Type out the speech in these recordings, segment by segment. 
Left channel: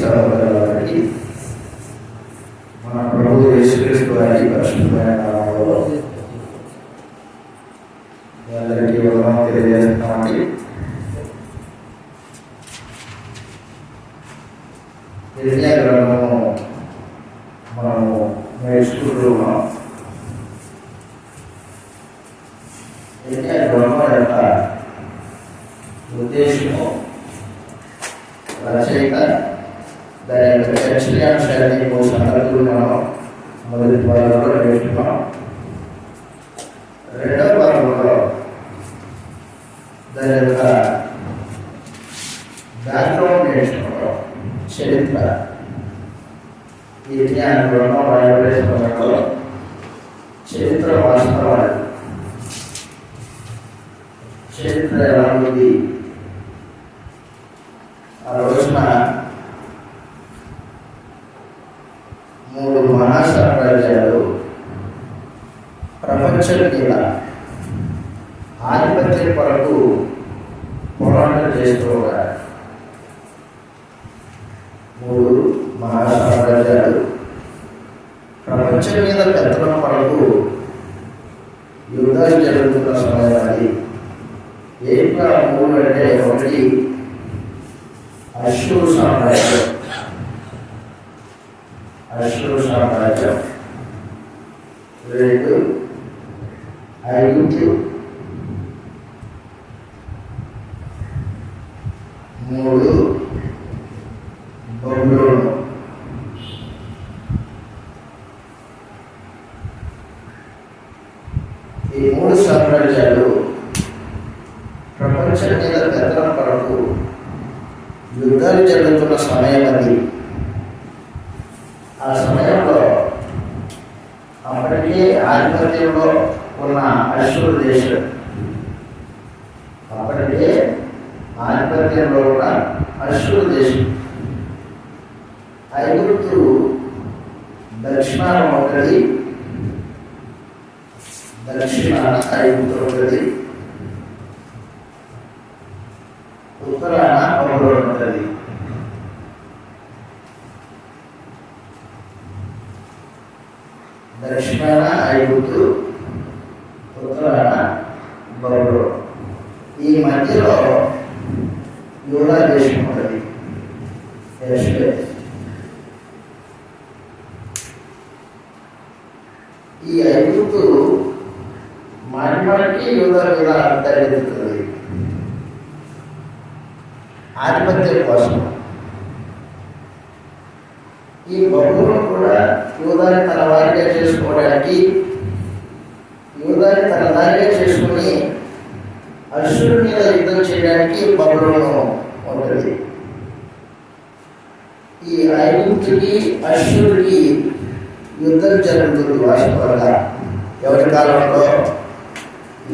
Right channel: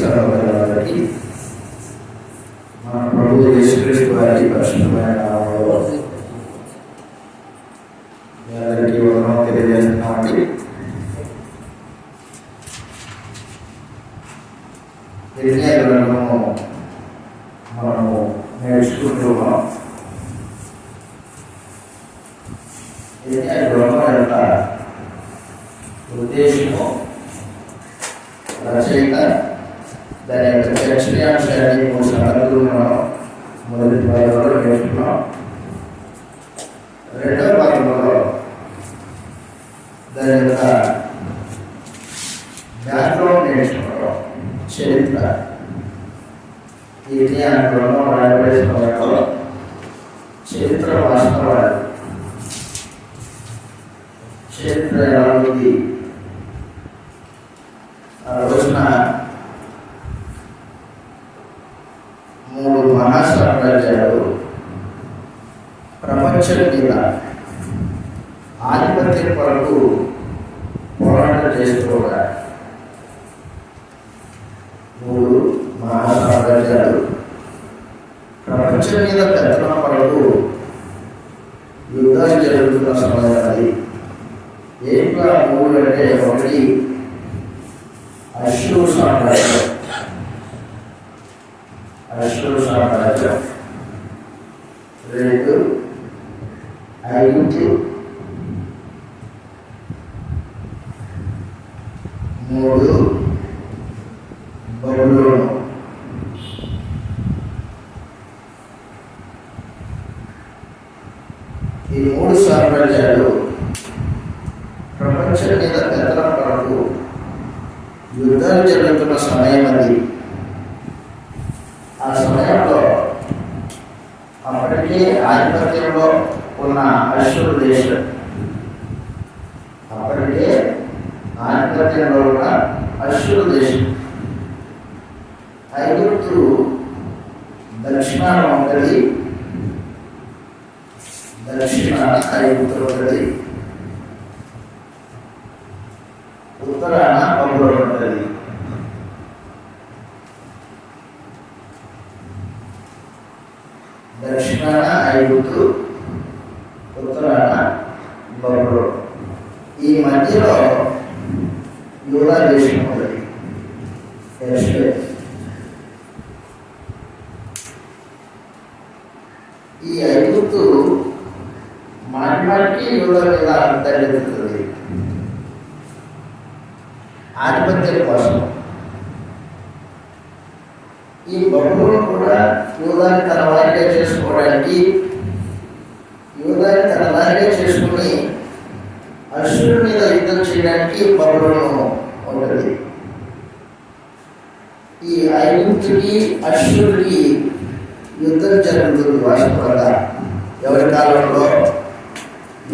సహోదరుల వారికి మన ప్రభు యేసుక్రీస్తు వారి పరిశుద్ధమైన నామములో మీ అందరికీ వందనాలు తెలియజేస్తున్నామండి. యెషయా మనము నేర్చుకుంటూ ఉన్నాం. యెషయా యొక్క ఉద్దేశము, రచయిత, దాని యొక్క చర్చయాంశాన్ని సంగతులు మనం మొదటి భాగంలో నేర్చుకున్నాం. రెండవ భాగంలో దాని యొక్క బ్యాక్గ్రౌండ్ నేర్చుకున్నాం, చరిత్ర. ఈ జ్ఞానంలో రాయబడేసుకున్నప్పుడు చరిత్ర వాస్తవాలు, చరిత్ర ఎలా ఉంది, ఆ రోజున 3 మహాసామ్రాజ్యాలు ప్రపంచం మీద ఆధిపత్యం కొరకు పోరాటం చేస్తూ ఉన్నారు. 3 మహాసామ్రాజ్యాలు ప్రపంచం మీద పెద్దల కొరకు యుద్ధాలు జరుగుతున్న సమయం అది. ఏంటో 3 అంటే, ఒకటి అష్షూరు సామ్రాజ్యం, అష్షూరు సామ్రాజ్యం. 2 ఐగుప్తు. 3 బబులోను. ఈ 3 సామ్రాజ్యాలు ప్రపంచం మీద పెద్దల కొరకు యుద్ధాలు జరుగుతున్న సమయం అది. ఆ సమయంలో అప్పటికే ఆధిపత్యంలో ఉన్న అష్షూరు దేశం, అప్పటికే ఆధిపత్యంలో ఉన్న అష్షూరు దేశం, ఐగుప్తు దక్షిణాన ఉంటుంది, దక్షిణాన ఐగుప్తు ఉంటుంది, ఉత్తరాన బబులోను ఉంటుంది. దక్షిణాన ఐగుప్తు, ఉత్తరాన బబులోను. ఈ మధ్యలో యూదా దేశం ఉంటుంది, యెరూషలేము. ఈ ఐగుప్తు మాటిమాటికి యూదా మీద తలెత్తుతుంది ఆధిపత్యం కోసం. ఈ బబులోను కూడా యూదాని తన వారిగా చేసుకోవడానికి, యూదాని తన వారిగా చేసుకుని అష్షూరు మీద యుద్ధం చేయడానికి బబులోను ఉంటుంది. ఈ ఐగుప్తుకి అష్షూరుకి యుద్ధం జరుగుతుంది వాస్తవంగా. ఎవరి కాలంలో?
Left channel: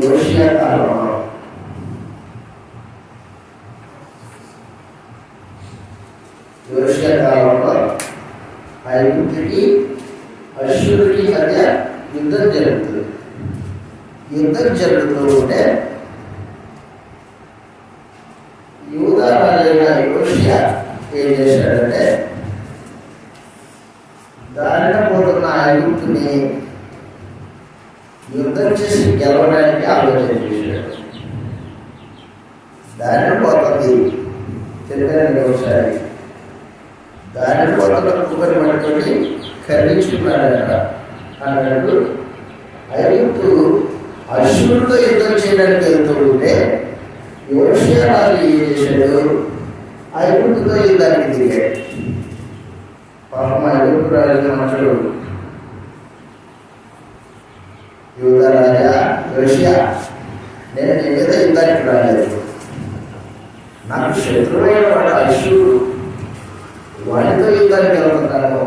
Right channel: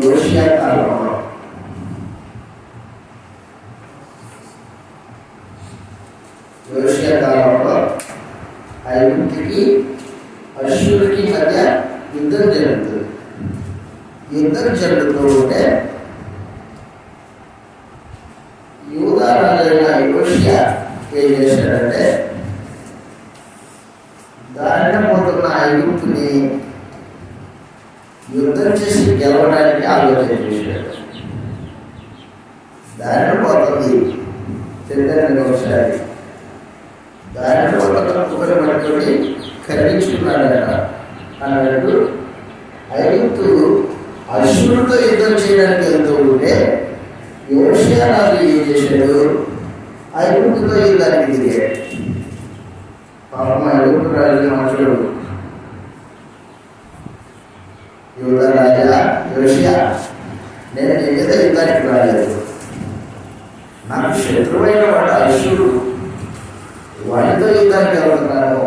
యోషియా కాలంలో. యోషియా కాలంలో ఐగుప్తుకి అష్షూరుకి మధ్య యుద్ధం జరుగుతుంది. యుద్ధం జరుగుతూ ఉంటే యూదా రాజైన యోషియా ఏం చేశాడంటే, దారిన పోతున్న ఐగుప్తుని యుద్ధం చేసి గెలవడానికి ఆలోచన చేశాడు. దారిన పోతుంది, చెప్పారండి ఒకసారి, దారిన పోతున్న కుక్కను పట్టుకొని ఖండించుకున్నాడట. అన్నట్టు ఐగుప్తు అష్షూరుతో యుద్ధం చేయడానికి వెళ్తూ ఉంటే యోషియా రాజు ఏం చేశాడు? ఐగుప్తుతో యుద్ధానికి దిగాడు. పాపం ఐగుప్తు రాజు మనుషుడు, యూదా రాజా యోషియా, నేను నీ మీద యుద్ధానికి రాలేదు, నాకు శత్రువైన వాడు అష్షూరు, వాడితో యుద్ధానికి వెళ్తున్నాను,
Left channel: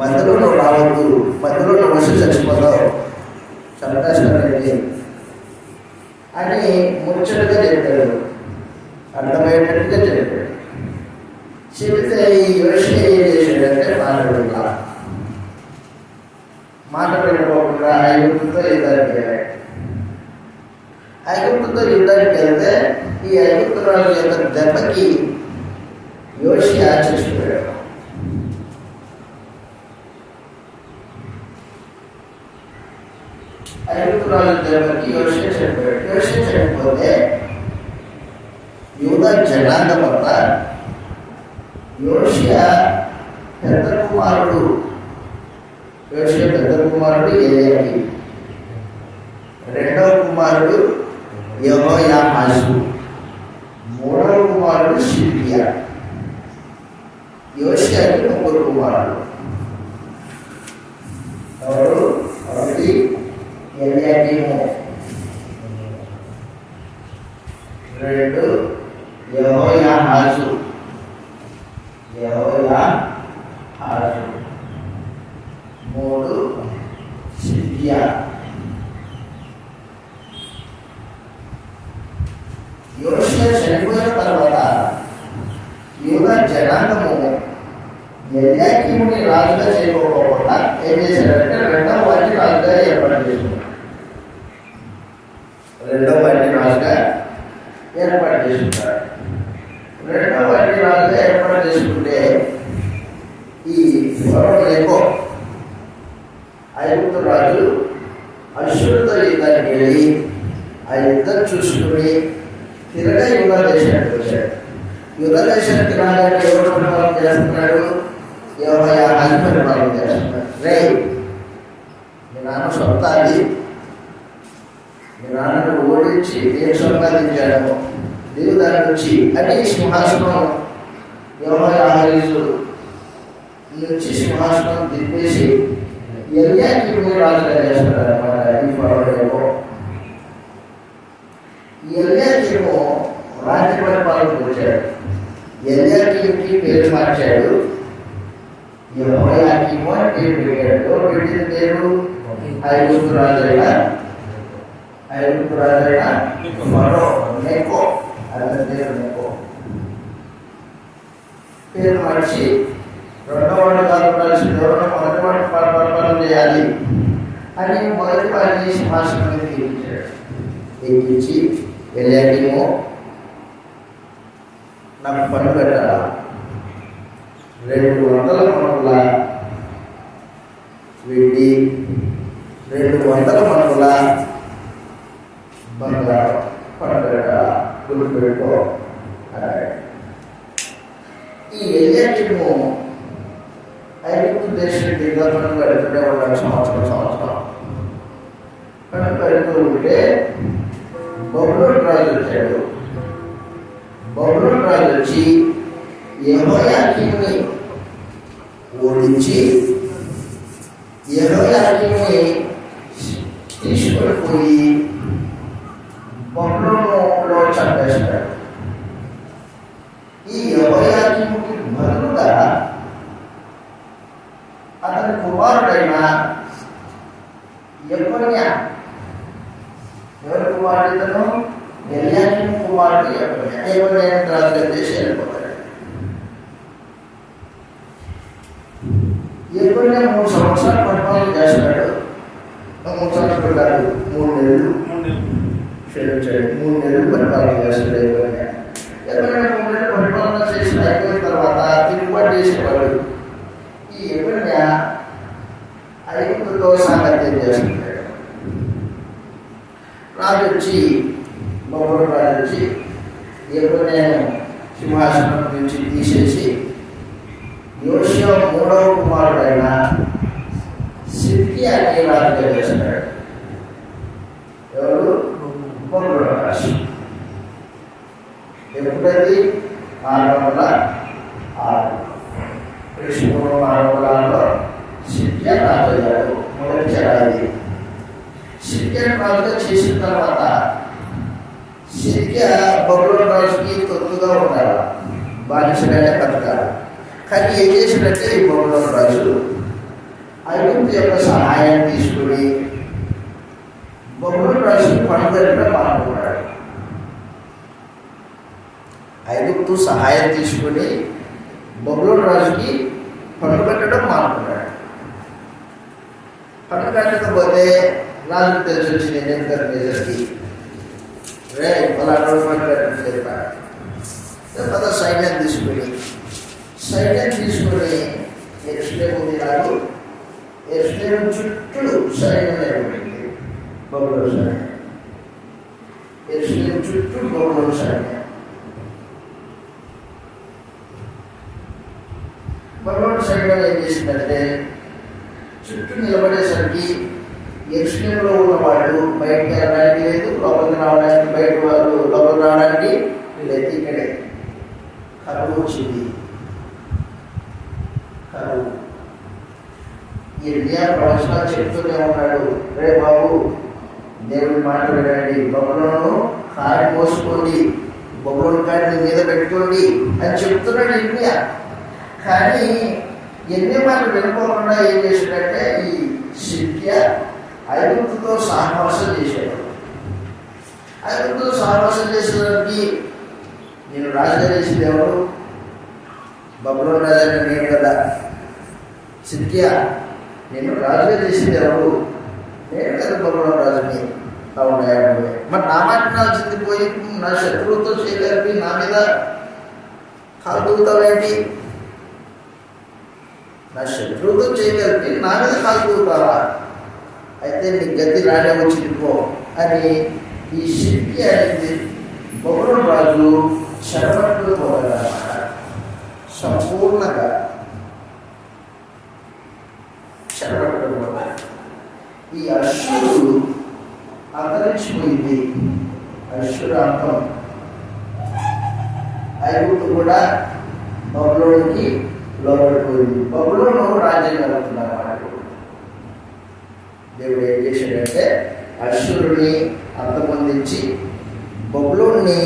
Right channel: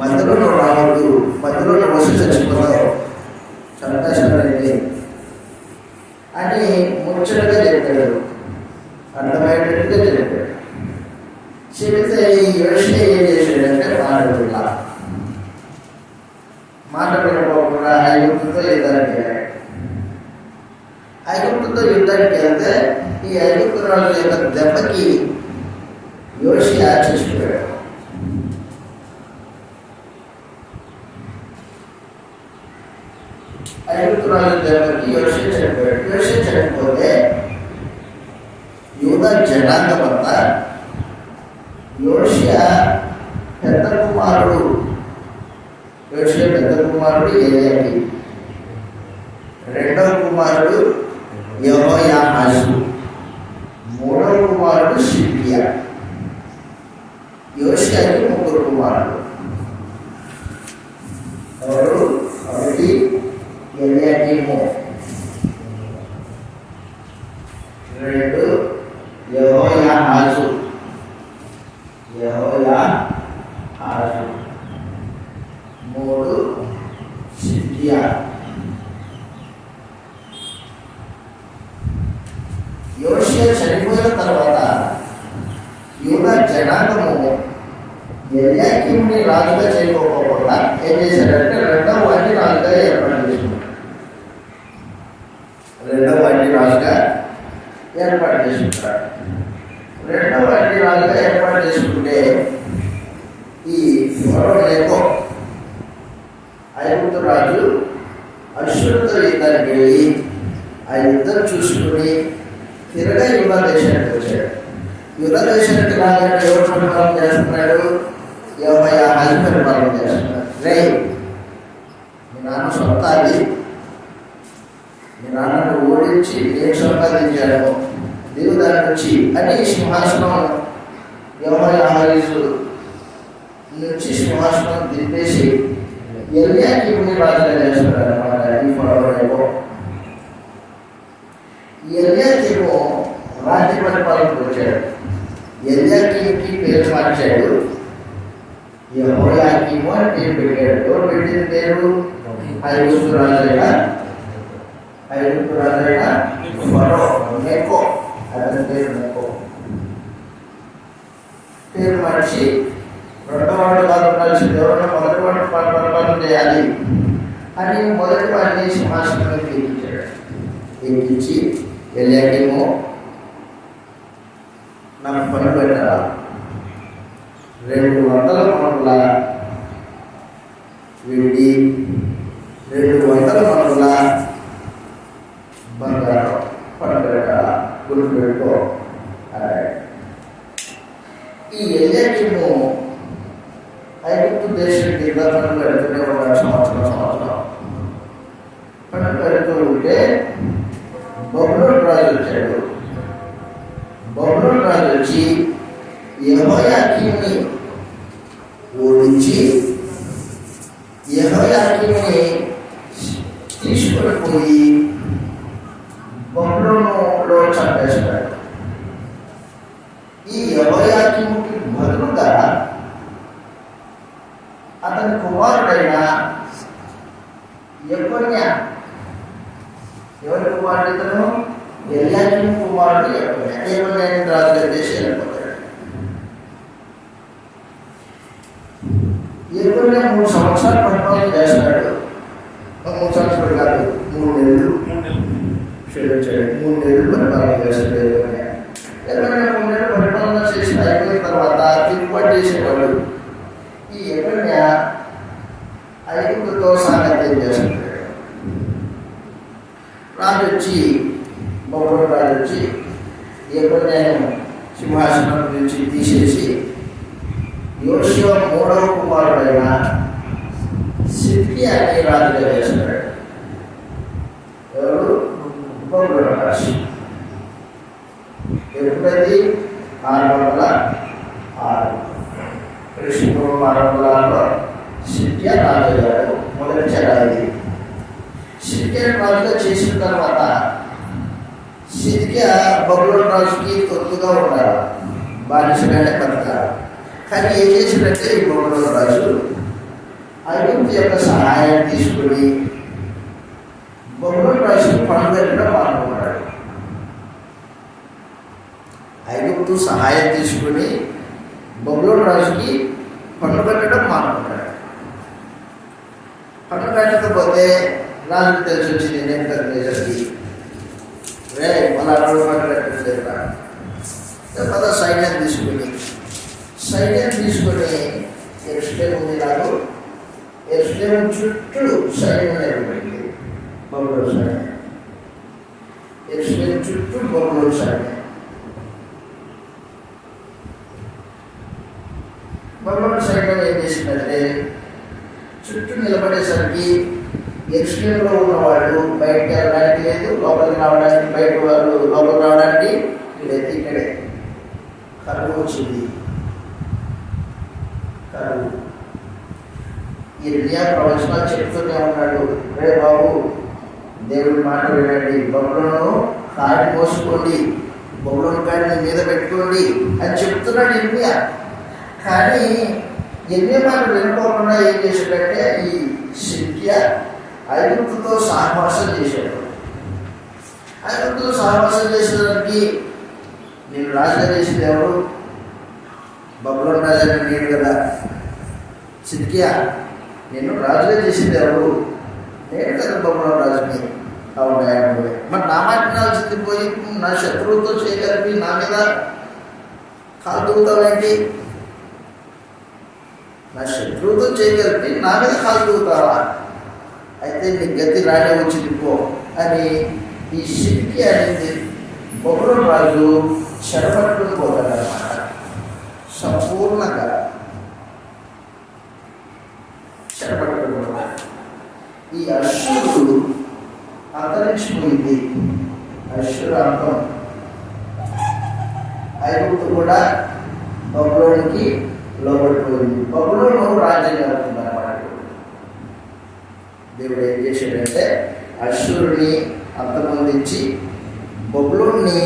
మధ్యలో నువ్వు రావద్దు, మధ్యలో నువ్వు వచ్చి చచ్చిపోతావు, చంపేస్తానండి అని ముచ్చటగా చెప్పాడు, అర్థమయ్యేటట్టుగా చెప్పాడు. చెబితే ఈ యోషియా ఏం చేశాడంటే మాట్లాడుకోకుండా ఐగుప్తుతో యుద్ధానికి వెళ్ళాడు. ఐగుప్తుతో యుద్ధానికి వెళ్తే ఈ ఐగుప్తు రాజు యొక్క దెబ్బకి యోషియా చచ్చిపోయాడు. ఐగుప్తు రాజు దగ్గరికి యోషియా చనిపోయాడు. యోషియా చనిపోతే యూదా జనాంగం అంతా యోషియా పెద్ద కుమారుడు ఎలియాకీము, రెండవ కుమారుడు యెహోయాహాజు, మూడవ కుమారుడు సిద్కియా. యోషియాకి ముగ్గురు కుమారుడు. ఎవరు? ఒకటి ఎలియాకీము, రెండు యెహోయాహాజు, మూడు సిద్కియా. యోషియా చనిపోయిన తర్వాత యూదా జనాంగము ఎలియాకీముని రాజుగా చేయకపోకుండా ఏం చేశాడంటే రెండవ వాటిని రాజుగా ఏర్పాటు చేసుకున్నాడు. రెండవ వాటిని రాజుగా ఏర్పాటు చేసుకుంటే ఈ ఫరోనేకో ఐగుప్తు రాజు అశ్షూరుతో యుద్ధానికి వెళ్ళి ఆ యుద్ధం చూసుకుని తిరగా యూదా దేశానికి వచ్చాడు. యూదా దేశానికి రాగానే ఎవరు పరిపాలన చేస్తున్నాడు? యెహోయాహాజు పరిపాలన చేస్తున్నాడు. మీ నాన్న సొంత అది, మీ నాన్నను ఓడించి నేను సంపాదించాను దేవుడు దాని నుంచి అని సింహాసనం యెహోయాహాజు నుంచి సింహాసనం దింపేసి ఎలియాకీముని రాజుగా చేస్తున్నాడు అనమాట. ఈ ఫరోనేకో ఎలియాకీము రాజ్య పరిపాలనకు వచ్చాడు. ఎలియాకీముకి పేరు మార్చాడు, యెహోయాకీము అని పేరు పెట్టాడు. ఎవరు పెట్టింది పేరు? ఐగుప్తు రాజైన ఫరోనేకో, అతని పేరు నెకో. పేరు మార్చి రెండవ వాడు కాదు ఉండాల్సింది, ఎవరైనా మొదటి వాడిని పరిపాలన చేయాలి అని మొదటి వాడిని సింహాసనం మీద ఎక్కించి ఎలియాకీము నాకు పన్ను పెట్టాలా, 200 మణుల వెండి, 200 మణుల బంగారం పన్ను పెట్టాలా, గుర్తు పెట్టుకో అన్నాడు. ఈ ఎలియాకీము ఐగుప్తు దేశం కింద పన్ను పెడుతూనే ఉన్నాడు. సంవత్సరం పన్ను పెడుతూ ఉంటే బబులోను రాజు వచ్చాడు. బబులోను రాజు వచ్చి యెహోయాకీముని ఓడించి యెహోయాకీముని తీసుకొని పోయి బబులోనులో చంపేశాడు. ఈ యెహోయాకీముకి బదులుగా అతని కుమారుడైన యెకొన్యా, ఎవరి కుమారుడు ఇతను? ఎలియాకీము కుమారుడు యెకొన్యా రాజుగా చేసి వెళ్ళిపోతాడు. యెకొన్యా 3 సంవత్సరాలు పరిపాలన చేస్తాడు. 3 సంవత్సరాలు కాదు, 3 నెలలు పరిపాలన చేస్తాడు. యెకొన్యా 3 నెలలు పరిపాలన చేసిన అయిపోయిన తర్వాత తిరుగుబాటు చేసేవాడు. ఈ యెకొన్యా ఐగుప్తుతో సాంగత్యం చేస్తున్నాడు. రాజు వచ్చి బబులోను రాజు వచ్చి యెకొన్యాను సింహాసనం నుంచి తీసేసి యోషియా 3వ కుమారుడైన సిద్కియాని రాజుగా చేస్తున్నాడు. ఎవరు? బబులోను రాజు. ఎప్పుడది? 606 క్రీస్తుపూర్వం 606లో సిద్కియా రాజు అయ్యాడు. మొదటి చరాయి సిద్కియా రాజుగా చేసిన తర్వాత సిద్కియా బబులోను రాజుకి తొత్తుగా ఉన్నాడు, బానిసగానే బతకాలి. కానీ ఏం చేసినట్టే ఈ బబులోను రాజు ఐగుప్తు యొక్క సహాయాన్ని తీసుకుని బబులోను రాజుకి పన్నుపెట్టడం మానుకున్నాడు. ఐగుప్తు సహాయం తీసుకుని బబులోను రాజుకి పన్ను పెట్టడం మానుకున్నాడు. పన్ను పెట్టకపోతే రాజుకు తెలిసి వచ్చింది నెబుకద్నెజర్కి, మళ్ళీ అక్కడ పన్ను పెట్టట్లేదు. సైన్యాన్ని తీసుకుని సైన్యం తీసుకొని ఎరుసలేము ఉంది నాకు, ఎరుసలేము చుట్టూ సైన్యం నిలబడింది. బబులోను సైన్యం, ఎరుసలేము చుట్టూ బబులోను సైన్యం. బబులోను సైన్యం ఏం చేసిందంటే చుట్టూ నిలబడేసరికి ఎరుసలేములో ఉన్నవాళ్ళు బయటకు వెళ్ళడానికి లేదు, లోపలికి రావడానికి, బయట వాళ్ళు లోపలికి రావడానికి లేదు. ఇక్కడే కరువు వచ్చింది. కరువు. ఇర్మియా ప్రవచనాలు చెప్తూనే ఉన్నాడు, రే బాబు దేవుడి మాట వినండి, బబులోను కాడి మోసుకోండి, బబులోను కాడిని మీద పెట్టుకోండి అని చెప్తున్నాడు ఇర్మియా. కానీ ఇర్మియా మాట వినుకోకుండా ఏం చేశాడంటే ఈ సిద్కియా ఐగుప్తుతో సహవాసం చేశాడు. ఐగుప్తుతో సహవాసం చేసేదానికి నేను రాజుగా చేసింది ఎవరు? బబులోను రాజాని నేను కదా. సిద్కియా నేను రాజుగా చేసింది ఎవరు? నేను కదా బబులోను రాజుని. అవునా? మరి నా మాట నాల్సింది పోయి నా శత్రువుతో చేయగలిపి నా మీద కాలు దూకుతావేంటి? నా శత్రువుతో చేయగలిపి నా మీద కాలు దూకుతావా? అయితే నీ గతి రాడే వచ్చింది పో అని ఈ సిద్కియా అనేది బబులోను రాజు చెరపట్టుకుని పోతాడన్నమాట. సంపూర్ణంగా చెరపట్టుకుని పోతాడు. ఈ అశ్షూరు అంతరించిపోయింది. అశ్షూరు అంతం. ఐగుప్తు కూడా బబులోనుకి లోబడిపోయింది. బబులోను రాజ్యం జరుగుతుందన్నమాట. దేవుడు ఏం చేశాడంటే అశ్షూరుని అంతమొందించి బబులోన్ని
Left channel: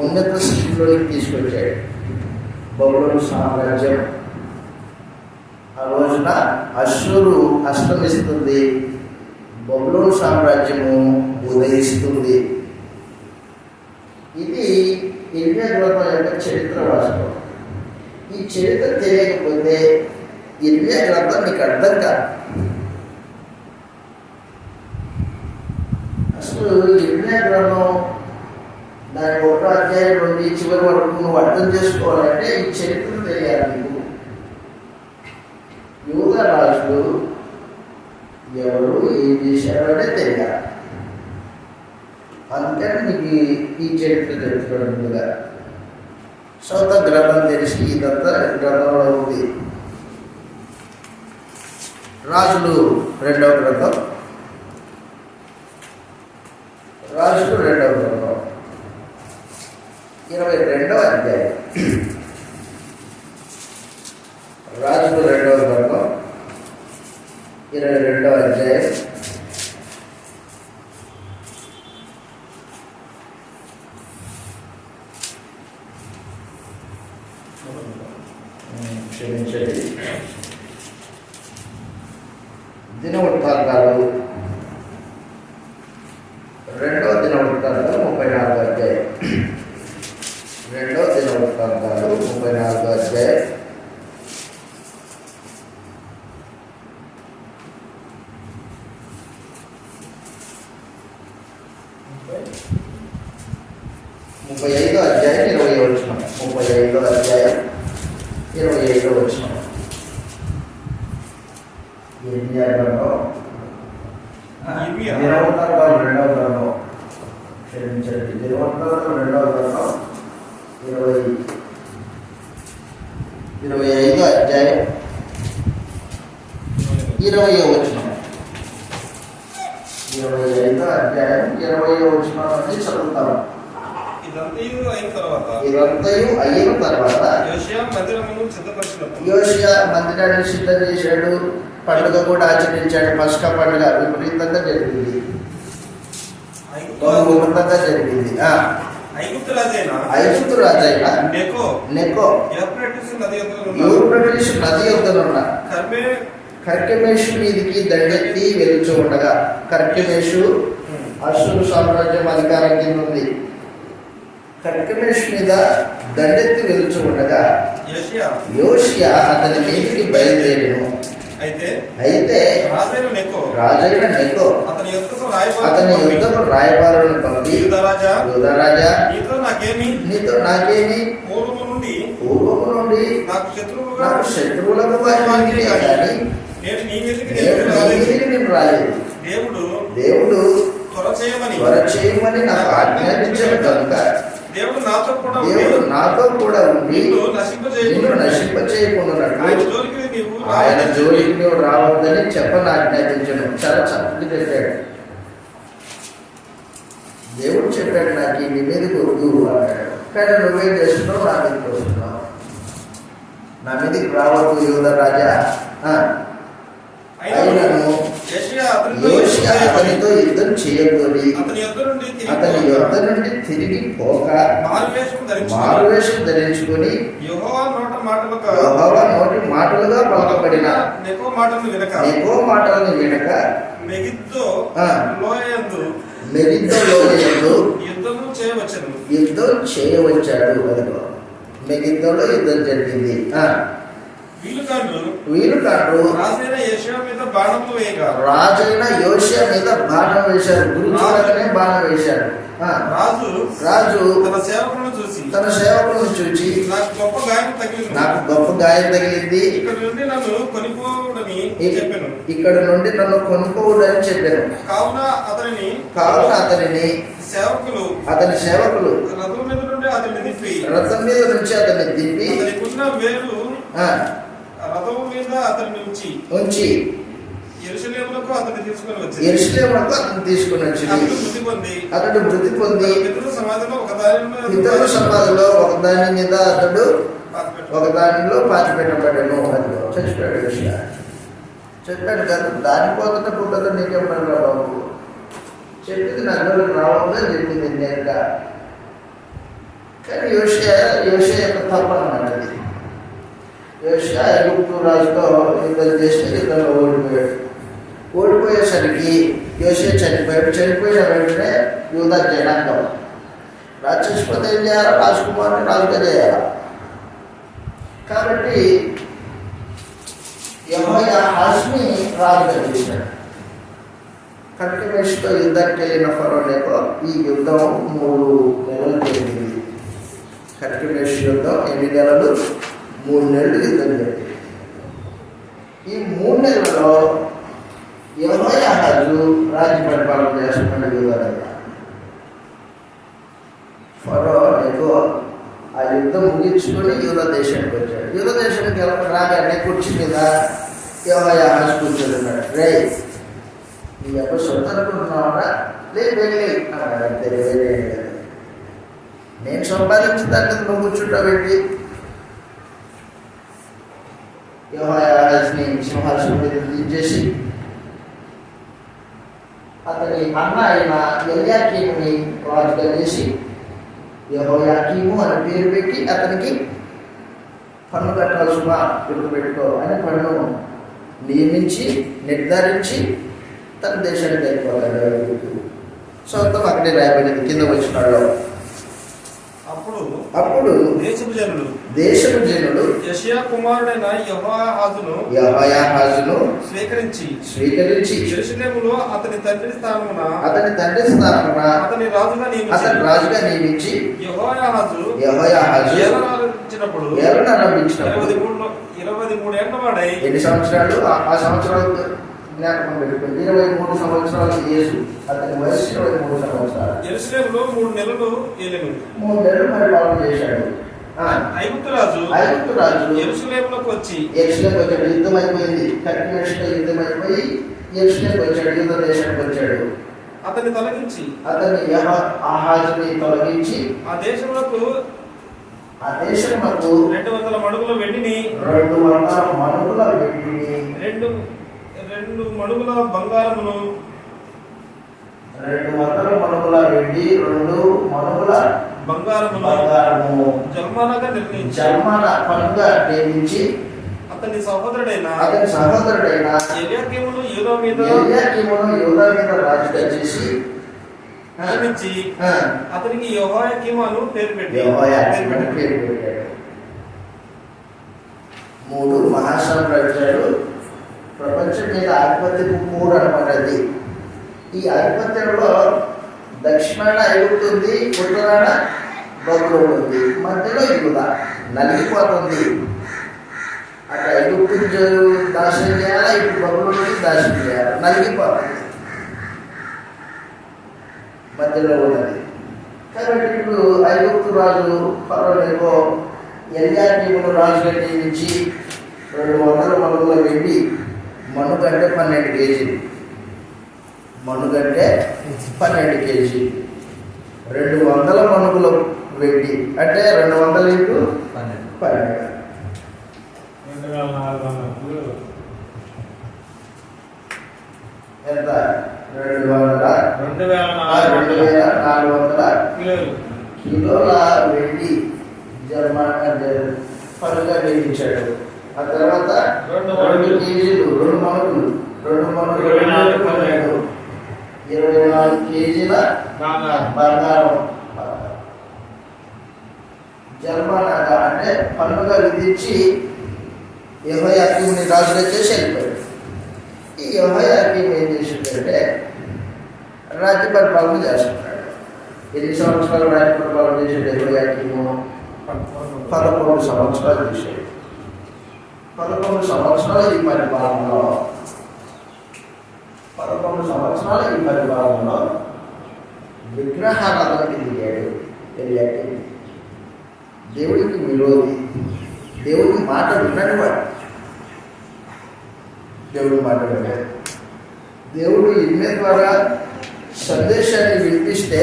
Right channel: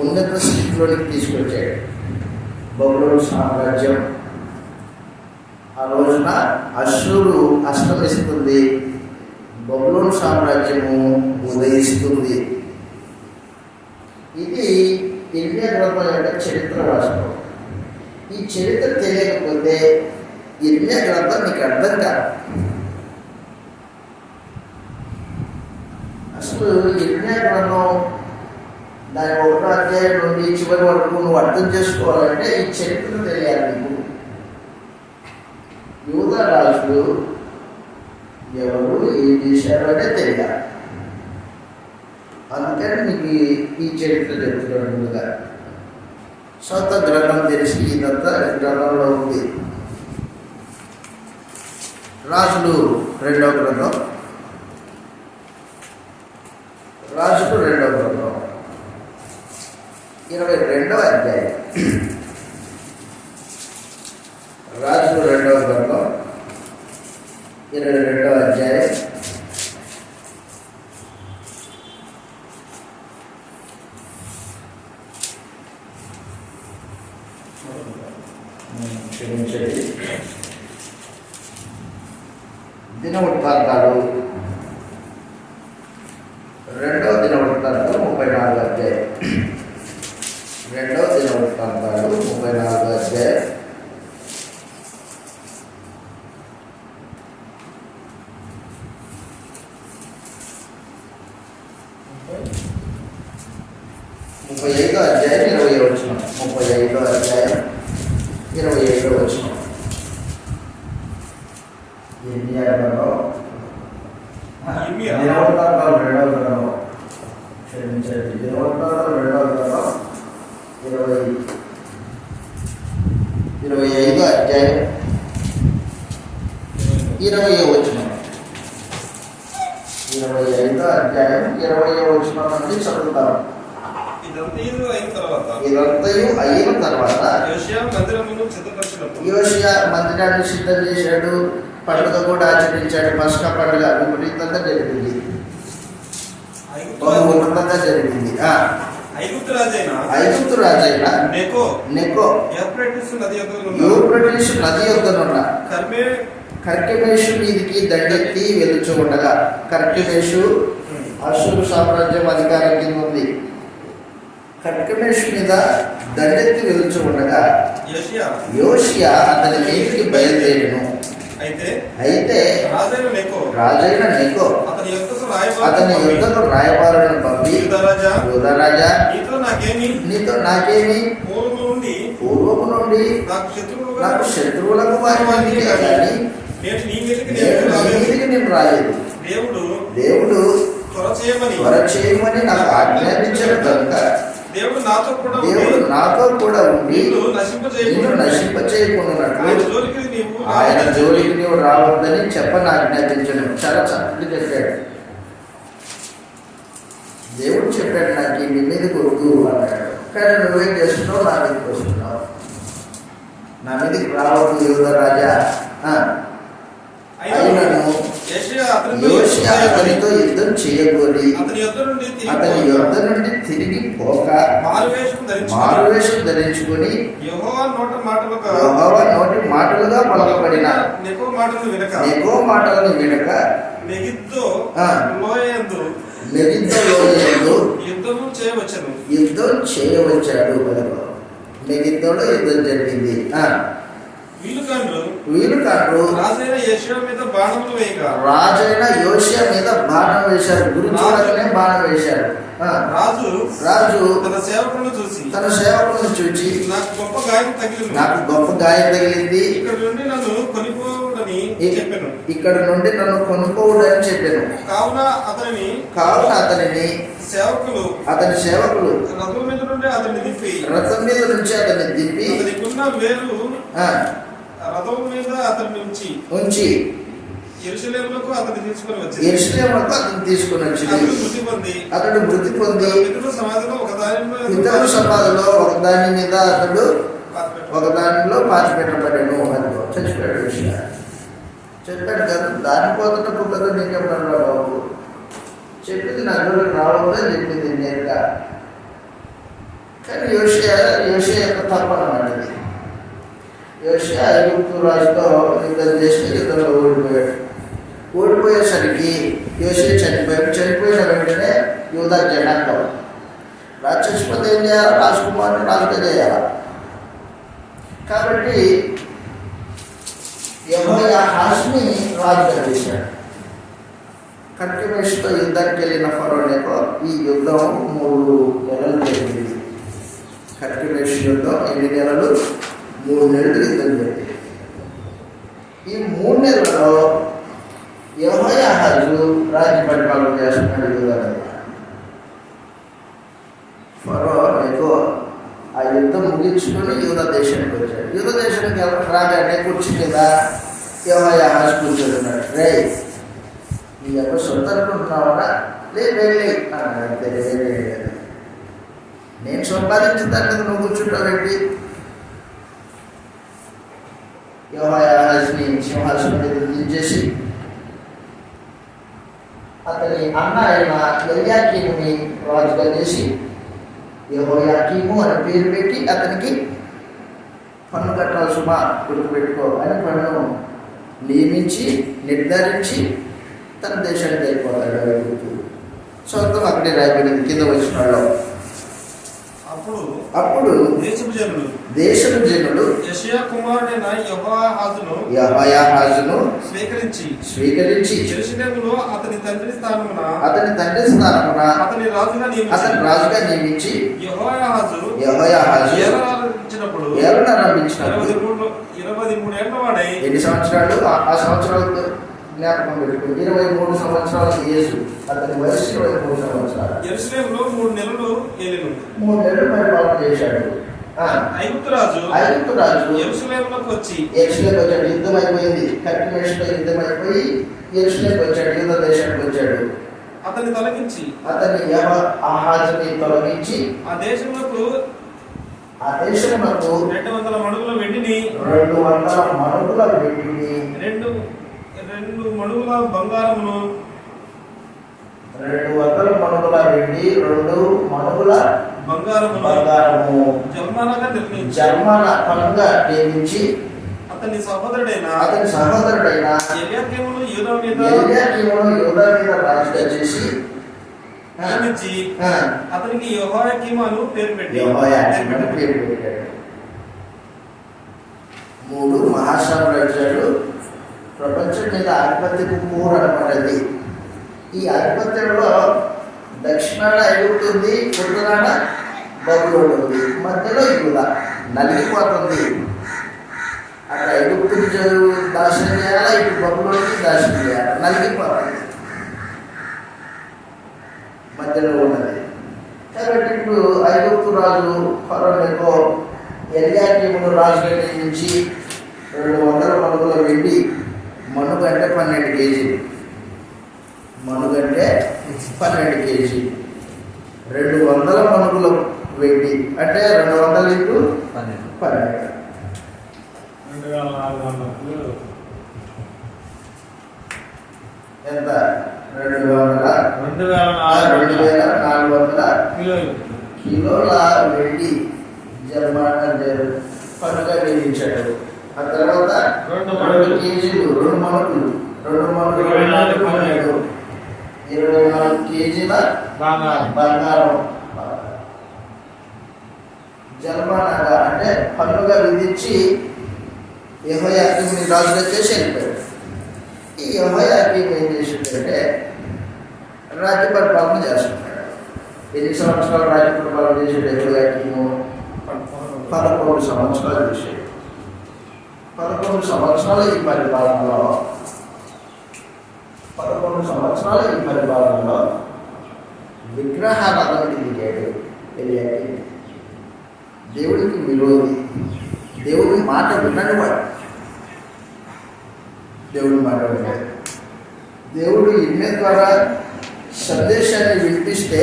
ఉన్నత స్థితిలోకి తీసుకొచ్చాడు. బబులోను సామ్రాజ్యం ఆ రోజున అశ్షూరు అస్తమిస్తుంది, బబులోను సామ్రాజ్యము ఉదయిస్తుంది. ఇది ఇర్మియా గ్రంథం యొక్క చరిత్ర వాస్తవం. ఈ చరిత్ర తెలియకపోతే ఇర్మియా గ్రంథం నీకు అర్థం కాదు. అసలు ఇర్మియా గ్రంథం దాని 1వ అధ్యాయం నుండి చివరి వరకు నువ్వు అర్థం చేసుకోవాలంటే ఈ చరిత్ర తెలియాలి నీకు. యూదా రాజులు ఎవరు, ఏం చేశారు అంటే తెలియాలి. అందుకని నీకు ఈ చరిత్ర చెప్తున్నాడు. ముందుగా సొంత గ్రంథం తెలిసి ఇదంతా గ్రంథంలో ఉంది. రాజులు 2వ గ్రంథం, రాజులు 2వ గ్రంథం 22వ అధ్యాయం. రాజులు 2వ గ్రంథం 22వ అధ్యాయం. క్షమించండి. దినవృత్తాంతాలు 2వ దినవృత్తాంతాలు 34వ అధ్యాయం. 2వ దినవృత్తాంతాలు 34వ అధ్యాయం. ముప్పై 35వ అధ్యాయం 20వ వచనం. 35వ అధ్యాయం 25వ వచనం. దినవృత్తాంతాలు 2వ గ్రంథం, క్షమించండి, దినవృత్తాంతాలు 2వ గ్రంథం 25వ అధ్యాయం 20వ వచనం. 25వ అధ్యాయం 20వ వచనం నుండి చదువుతాము. ఇదంతయు అయిన తర్వాత యోషియా మందిరాన్ని సిద్ధం చేశాడు, పండుగ కూడా ఆచరించాడు. పస్కా పండుగ విపరీతంగా జరిగింది, బహు ఉన్నతంగా జరిగింది. ఐగుప్తు రాజైన నెకో యూఫ్రటీసు నది యొద్దనున్న కర్కెమేషు మీదికి దండెత్తి వెలుచు ఉండగా, కర్కెమేషు అశ్షూరు సామ్రాజ్యం అధికారం కింద ఉంది. కర్కెమేషు మీద దండెత్తి వెలుచు ఉండగా యోషియా అతని మీదికి బయలుదేరును. అయితే రాజైన నెకో అతని యుద్ధకు రాయబారులను పంపి, యూదా రాజా నీతో నాకేమి, పూర్వము నుండి నాకు శత్రువులకు వారికి కానీ నేను నీ మీదకి నేను రాలేదు. దేవుడు త్వర చేయమని నాకు ఆజ్ఞాపించిన కనుక దేవుడు నాతో కూడా ఉండి నిన్ను నశింపచేయకుండానట్లు ఆయన జోలికి నీవు రావద్దని చెప్పని ఆజ్ఞాపించను. చాలా చక్కగా చెప్పాడు. దేవుడు చెప్పాడు, నాకు నీ మీదకి వద్దు అన్నాడు. కానీ నువ్వేం చేస్తున్నావు? నా మీదకి వస్తున్నావు. నా మీదకి రావద్దు యూదా రాజా. అయినను యోషియా అతనితో యుద్ధం చేయకూరి అతని యొద్ద నుండి తిరిగి పోక మారువేషం ధరించుకొని యెహోవా నోటి మాటలుగా పలకబడిన ఎక్కువ మాటలను వినక మెగిద్దో లోయయందు యుద్ధం చేయవచ్చాడు. మెగిద్దోలో యుద్ధం జరిగింది. వీళ్ళు కాదు రాజైన యోషియా మీద బాణం వేశారు. గురి చూడగానే బాణం వేశారు. రాజు తన సేవకులను చూసి నాకు గొప్ప గాయం తగిలింది, ఇక్కడ నుండి నన్ను కొనుక్కోవడని చెప్పాను. కావున అతని సేవకులు రథం మీద నుంచి అతన్ని దింపి రథం మీద అతన్ని ఉంచి యెరూషలేమునకు అతన్ని తీసుకొని వచ్చి అతడు మృతి పొంది పితరుల సమాధిలో ఒకదాని మీద అతడు ఒకదానిలో పాతి పెట్టబడ్డాను. చచ్చిపోయాడు. చెప్పాడు కదా, దానిపోతున్న పుట్టలో నీకేం పడరా బాబు, చెప్పింది నా జోలికి రావద్దని చెప్పింది నేరుగా. కానీ యోషియా యొక్క తప్పనమాట. యోషియా ఐగుప్తు రాజుతో యుద్ధం చేసి యుద్ధంలో ఓడిపోయేసరికి యోషియా చనిపోయాడు. చనిపోయిన వెంటనే యూదా జనాంగం రాక్షసుపతి ఏం చేయాలా? రాజకుమారుని రాజుగా చేయాలా? కాబట్టి యెహోయాహాజుని రాజుగా చేశాడు. కట్టిమేషుతో యుద్ధానికి వెళ్ళిన ఫరోనేకో ఈ యుద్ధం 3 నెలలు జరిగింది. కట్టిమేషు యుద్ధం ఎన్ని నెలలు? 3 నెలలు యుద్ధం జరిగింది. ఈ 3 నెలలలో యెహోయాహాజు రాజ్య పరిపాలన చేస్తున్నాడు యూదా మీద. ఫరోనేకో ఆ యుద్ధం ముగించుకొని యూదా దేశానికి వచ్చాడు. యూదా దేశానికి రాగానే కుర్చీ మీద యెహోయాహాజు కూర్చోతున్నాడు. రే, నీ యొక్క సొంత అనుకుంటున్నావా? వెళ్ళి అన్నాడు. అంతే, నేను సంపాదించిన దాన్ని నువ్వు కూర్చుంటావేంటి? యెహోయాహాజుని సింహాసనం మీద దించేసి అతని అన్న అయిన ఎల్యాకీముని రాజుగా చేసి యెహోయాకీము అని పేరు పెట్టి అతనికి పన్ను కట్టాలి సుమా, గుర్తుపెట్టుకో అని పన్ను నియమించి నిర్ధారించి తన దేశానికి వెళ్ళిపోతాడు. సొంతం అక్కడే రాయబడింది కింద వచ్చిన వాళ్ళు. అప్పుడు దేశపు జనులు యెషయా కుమారుడైన యెహోయాహాజును స్వీకరించి యెరూషలేములో అతని తండ్రి స్థానమున అతని రాజుగా నియమించి యెహోయాహాజు ఏలనారంభించినప్పుడు 23 ఏళ్ల వాడై ఎన్ని సంవత్సరాలు? ఆ సంవత్సరాలు జ్ఞాపకం పెట్టుకుని 23 సంవత్సరాలు యేసు, అతని వయసు 23 సంవత్సరాలు. యెరూషలేములో 3 నెలలు ఏలిను. 3 నెలలు పరిపాలన చేశాడు. ఐగుప్తు రాజు యెరూషలేములోకి వచ్చి వచ్చాడు. యుద్ధం అయిపోయింది. కట్టిమేషుతో యుద్ధం అయిపోయి యెరూషలేముకి వచ్చాడు. యుద్ధ దేశానికి వచ్చాడు. అతన్ని తొలగించి యెహోయాహాజుని తొలగించి ఆ దేశమునకు 200 మణుగుల వెండిని 200 మణుగుల బంగారమును 200 మణుగుల వెండి 2 మణుగుల బంగారము జర్మన పన్నుగా నియమించి అతని సహోదరుడైన ఎల్యాకీమును యూదా మీద రాజుగా చేసి అతనికి యెహోయాకీము అని పేరు పెట్టాడు. 3 మహాసామ్రాజ్యాలు ప్రపంచం మీద ఆధిపత్యపు మూడనమైనది. ఈ ఆధిపత్యంలో దక్షిణాన ఐగుప్తు ఉంది, ఉత్తరాన బబులోను ఉంది, మధ్యలో యూదా నలిగిపోతుంది. అక్కడ ఐగుప్తుని నాశనం చేయాలా, ఇటు బబులోని నాశనం చేయాలి, నలిగిపోతుంది మధ్యలో ఉన్నది. కాబట్టి ఇప్పుడు ఐగుప్తు రాజు ఫరోనేకో ఎల్యాకీమును రాజుగా నియమించి 200 మణుగుల వెండి, మణుగంటే 12 కేజీలు, మణుగంటే 12 కేజీలు, 200 మణుగుల వెండి అంటే 200 ఇంటూ 12 ఎంత? 2400 కిలోల వెండి పనుగా నియమించాడు. ఆ తర్వాత 2 కేజీలు 2 మణుగులు 24 కేజీల బంగారం జన్మనగా అంటే పన్నుగా విధించి యెహోయాకీముని రాజుగా చేసి వెళ్ళిపోయాడు. ఈ యెహోయాకీము ఏం చేసిందంటే రాజ్య పరిపాలన చేస్తున్నాడు. 8 సంవత్సరాలు రాజ్య పరిపాలన చేసాడు యెహోయాకీము. 11 సంవత్సరాలు చేశాడు. 11 సంవత్సరాల ఈ పరిపాలనలో 11 సంవత్సరాల ఈ పరిపాలనలో విగ్రహారాధనకి దిగాడు యెహోయాకీము. దేవుడికి విరోధి, దేవుడి మాట వినని వాడు, దేవుడి మాట విన్నాడు. దేవుడు ఇమెయిల్ ద్వారా సందేశాన్ని వినిపిస్తే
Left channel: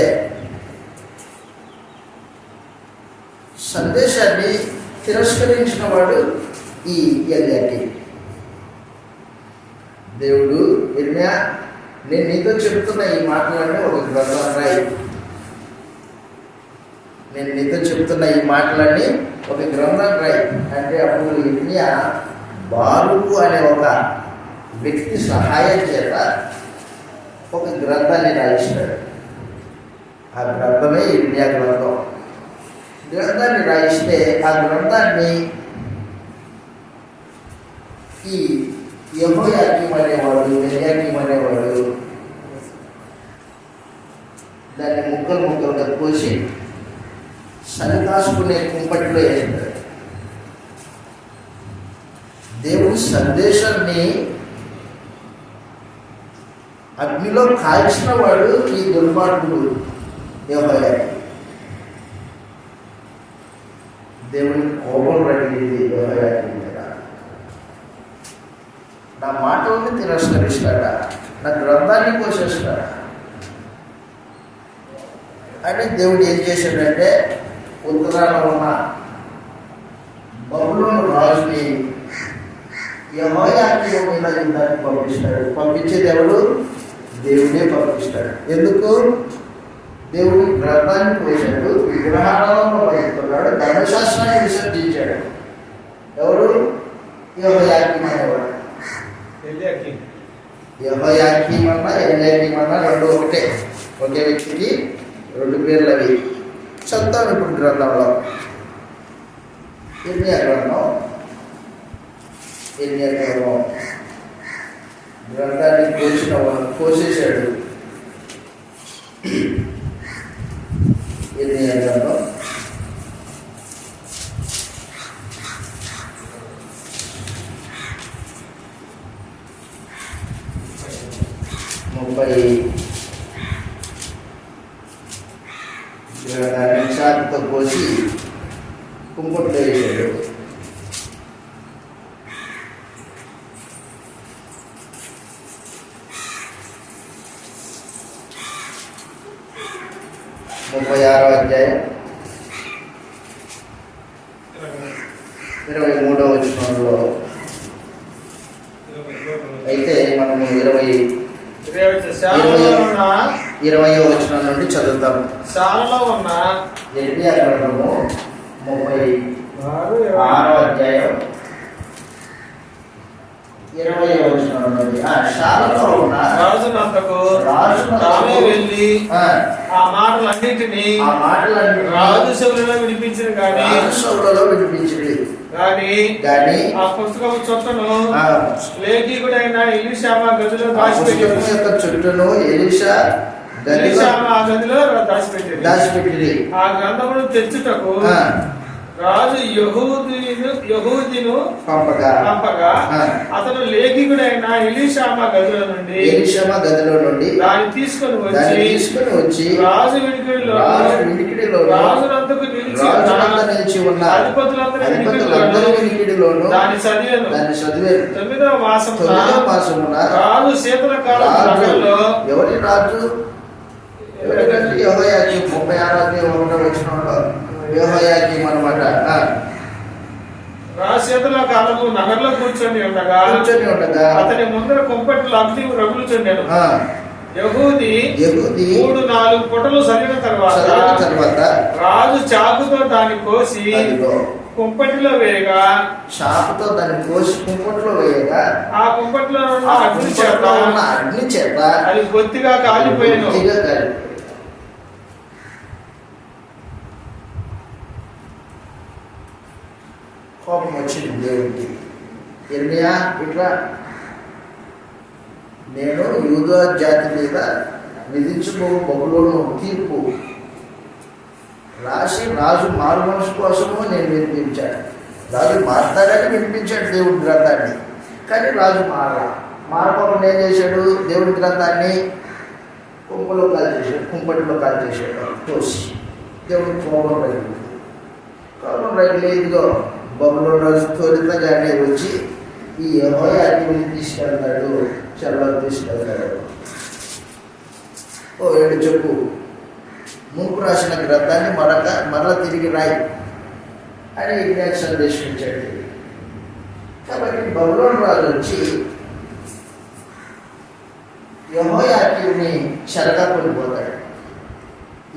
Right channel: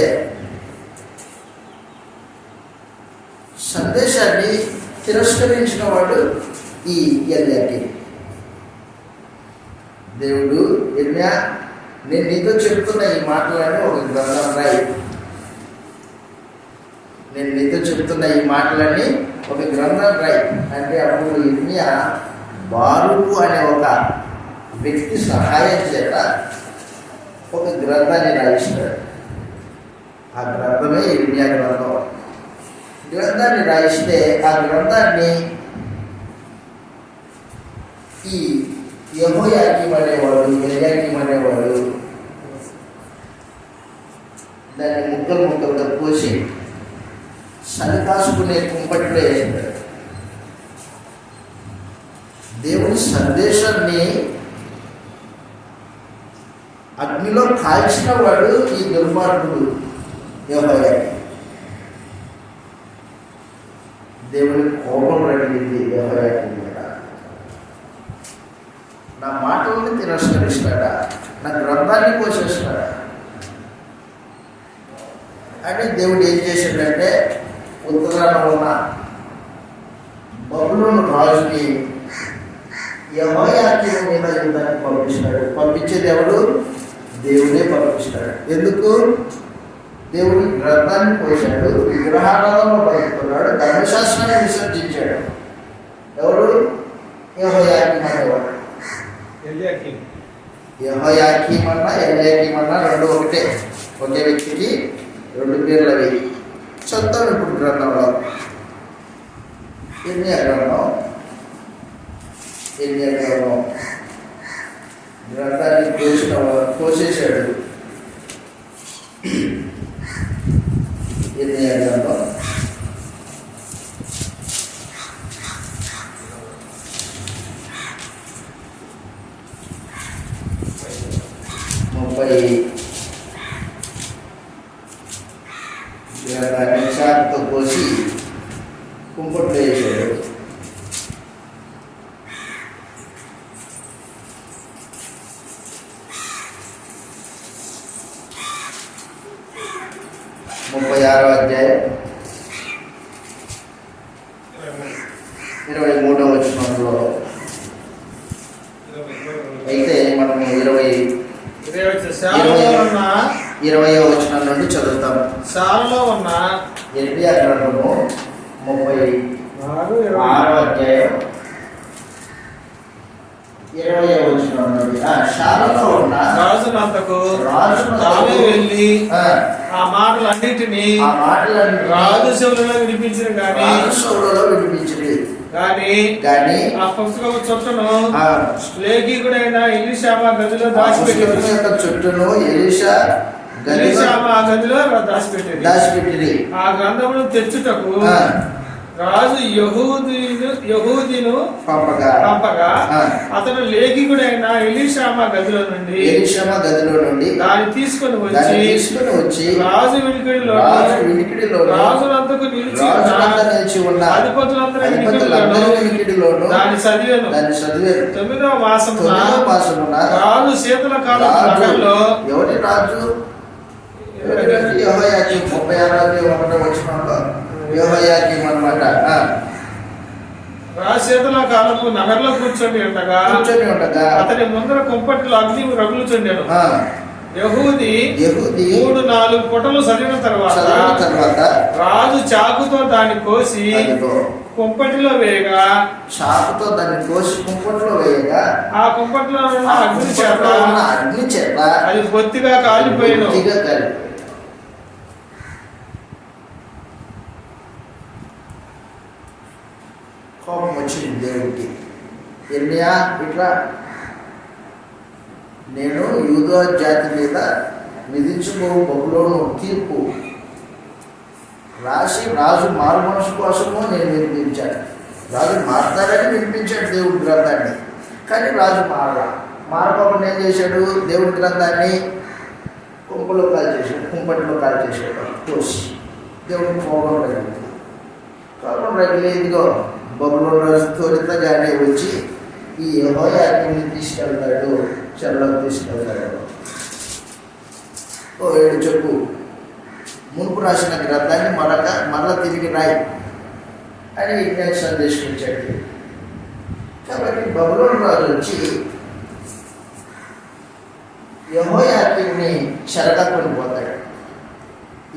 సందేశాన్ని తిరస్కరించిన వాడు ఈ యెహోయాకీము. దేవుడు ఇర్మియా, నేను నీతో చెప్తున్న ఈ మాటలన్నీ ఒక గ్రంథం రాయి, నేను నీతో చెప్తున్న ఈ మాటలన్నీ ఒక గ్రంథం రాయి అంటే అప్పుడు ఇర్మియా బారుకు అనే ఒక వ్యక్తి సహాయం చేత ఒక గ్రంథాన్ని రాయిస్తాడు. ఆ గ్రంథమే ఇర్మియా గ్రంథం. గ్రంథాన్ని రాయిస్తే ఆ గ్రంథాన్ని ఈ యెహోయాకీము అనేవాడు దాన్ని ముక్కలుగా కోసి సరికాసుకునే కుంపటిలో వేస్తాడు. దేవుని సందేశాన్ని అగ్నిలో కాల్చిన వాడు ఈ దుర్మార్గుడు యెహోయాకీము. దేవుని కోపం రగిలింది యెహోయాకీము మీద. నా మాటల్ని తిరస్కరిస్తాడా, నా గ్రంథాన్ని కోసేస్తాడా అని దేవుడు ఏం చేశాడంటే ఉత్తరాన ఉన్న బబులోను రాజుని యెహోయాకీము మీద యుద్ధాన్ని పంపిస్తాడు. పంపించేది ఎవరు? దేవుడే పంపిస్తాడు. ఎందుకు? దేవుని గ్రంథాన్ని కోసాడు, విగ్రహాలను బతుకుతున్నాడు, ధర్మశాస్త్రాన్ని విసర్జించాడు. ఎవరు? యెహోయాకీము అనేవాడు. యెహోయాకీము అన్నా ఎల్యాకీము అన్నా రెండు ఒకటే, ఒకే వ్యక్తికి 2 పేర్లు అవి. చదువుతాం ఇప్పుడు గ్రంథంలో. ఇర్మియా గ్రంథం గ్రంథాన్ని కోసేశాడు. ఇర్మియా గ్రంథం 30 గ్రంథాన్ని చాకుతో కోసి కుంపట్లో వేసాడు. ముప్పై 36వ అధ్యాయం 23వ వచనంలో అయితే మనము 20వ వచనం నుండి చదువుతాము. శాలలో ఉన్న ఇర్మియా గ్రంథము 36వ అధ్యాయం 20వ వచనం నుండి. శాలలో ఉన్న రాజునంతకు వెళ్ళి ఆ మాటలన్నిటినీ రాజు చెవులలో వినిపించిన కానీ ఆ పుస్తకము చుట్టను లేఖికుడైన ఎలీషా గదిలో దాచిపెట్టి చుట్టను ఎలీషా ఎలీషామా ఆ గదిలో దాచిపెట్టేది. దాచిపెట్టిరి. ఆ గ్రంథమును తెచ్చుటకు రాజు యెహూదిను పంపగా అతడు లేఖికుడైన ఎలీషామా గదిలో నుండి దాన్ని తీసుకొని వచ్చి రాజు వినికిడిలో రాజులంతకు నిలిచి ఉన్న అధిపతులందరూ వినికిడిలోను దాన్ని చదివాను. 9వ మాసమున రాజు శీతల కాలంలో ఎవరి రాజు? యెహోయాకీము. 36వ వచనంలో యెహోయాకీము అన్నమాట. రాజశేతుల కాలము నగరంలో కూర్చొని ఉండగా అతని ముందర కుంపట్లో అగ్ని రగులుచుండెను. యెహూది 3-4 పొటలు చల్లిన తర్వాత రాజు చాకుతో దాన్ని కోసి కుంపటిలో వేయగా ఆ కుంపట్లో ఉన్న అగ్ని చేత అది బొత్తిగా కాలిపోయిన. కోపం వచ్చింది దేవుడికి. ఇర్మియా ఇట్లా నేను యూదా జాతి మీద విధించబో బబులోను తీర్పు రాసి రాజు మారు మనసు కోసము నేను వినిపించాను. రాజు మారుతాడని వినిపించాడు దేవుడి గ్రంథాన్ని. కానీ రాజు మారకుండా ఏం చేశాడు? దేవుడి గ్రంథాన్ని కుంపటిలో కాల్ చేశాడు తోసి. దేవుడికి కోపం రగిలి ఇదిగో బబులోను రాజు త్వరితగానే వచ్చి ఈ యెహోయాకీముని తీసుకెళ్తాడు, చెరలోకి తీసుకెళ్తాడు. ఓ ఏడు చెప్పు, మునుపు రాసిన గ్రంథాన్ని మరలా తిరిగి రాయి అని ఇజ్ఞాకి సందేశం ఇచ్చాడు. కాబట్టి బబులోను రాజు వచ్చి యెహోయాకీముని చెరగా కొనిపోతాడు.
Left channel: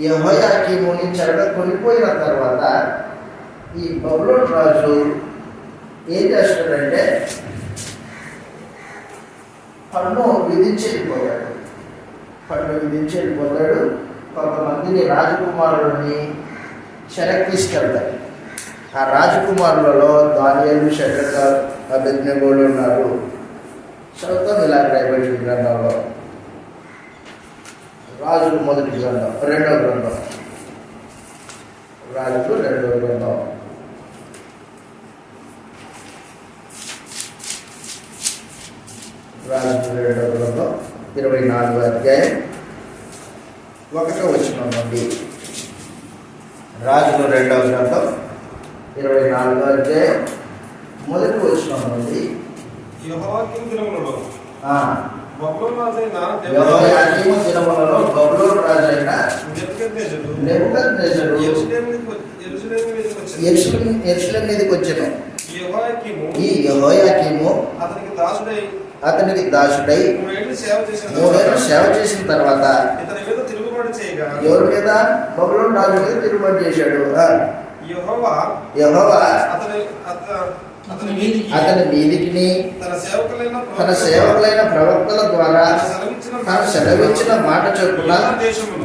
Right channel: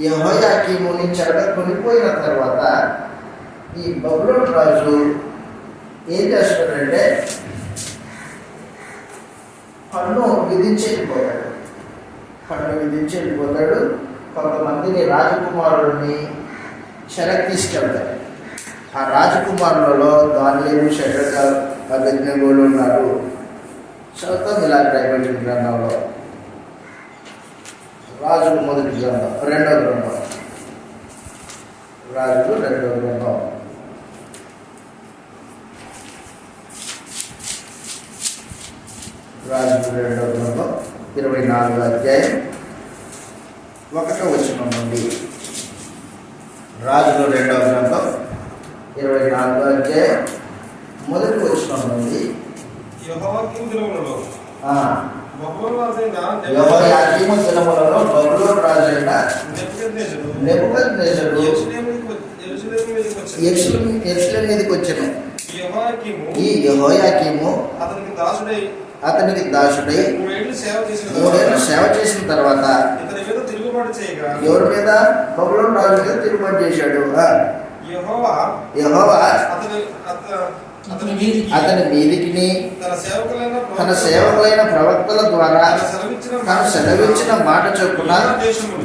యెహోయాకీముని చెరగా కొనిపోయిన తర్వాత ఈ బబులోను రాజు ఏం చేస్తాడంటే పన్ను విధించి వెళ్ళిపోతాడు. కొంతమందిని రాజకుమారుడిని చెరకి తీసుకెళ్తాడు. ఆ రాజకుమారులలో దానియేలు, షడ్రక, అబేద్నెగోలు ఉన్నారు. చదువుతాం ఇలా రాయబడిన గ్రంథంలో రాజులు మొదటి గ్రంథం, రెండవ గ్రంథం, రాజులు రెండవ గ్రంథం. రాజులు రెండవ గ్రంథం 24వ అధ్యాయం 1వ వచనం నుండి. రాజులు రెండవ గ్రంథం 24వ అధ్యాయం 1వ వచనం నుండి. యెహోయాకీము దినములలో బబులోను రాజైన నెబుకద్నెజరు యెరూషలేము మీదకి వచ్చెను. ఈ యెహోయాకీము అతనికి దాసుడై 3 ఏళ్ళు సేవ చేసిన తర్వాత ఎవరి మీద? బబులోను రాజు మీద తిరుగుబాటు చేశాడు. యెహోవా అతని మీదికి తన సేవకులైన ప్రవక్తల ద్వారా తాను సెలవిచ్చిన మాట చొప్పున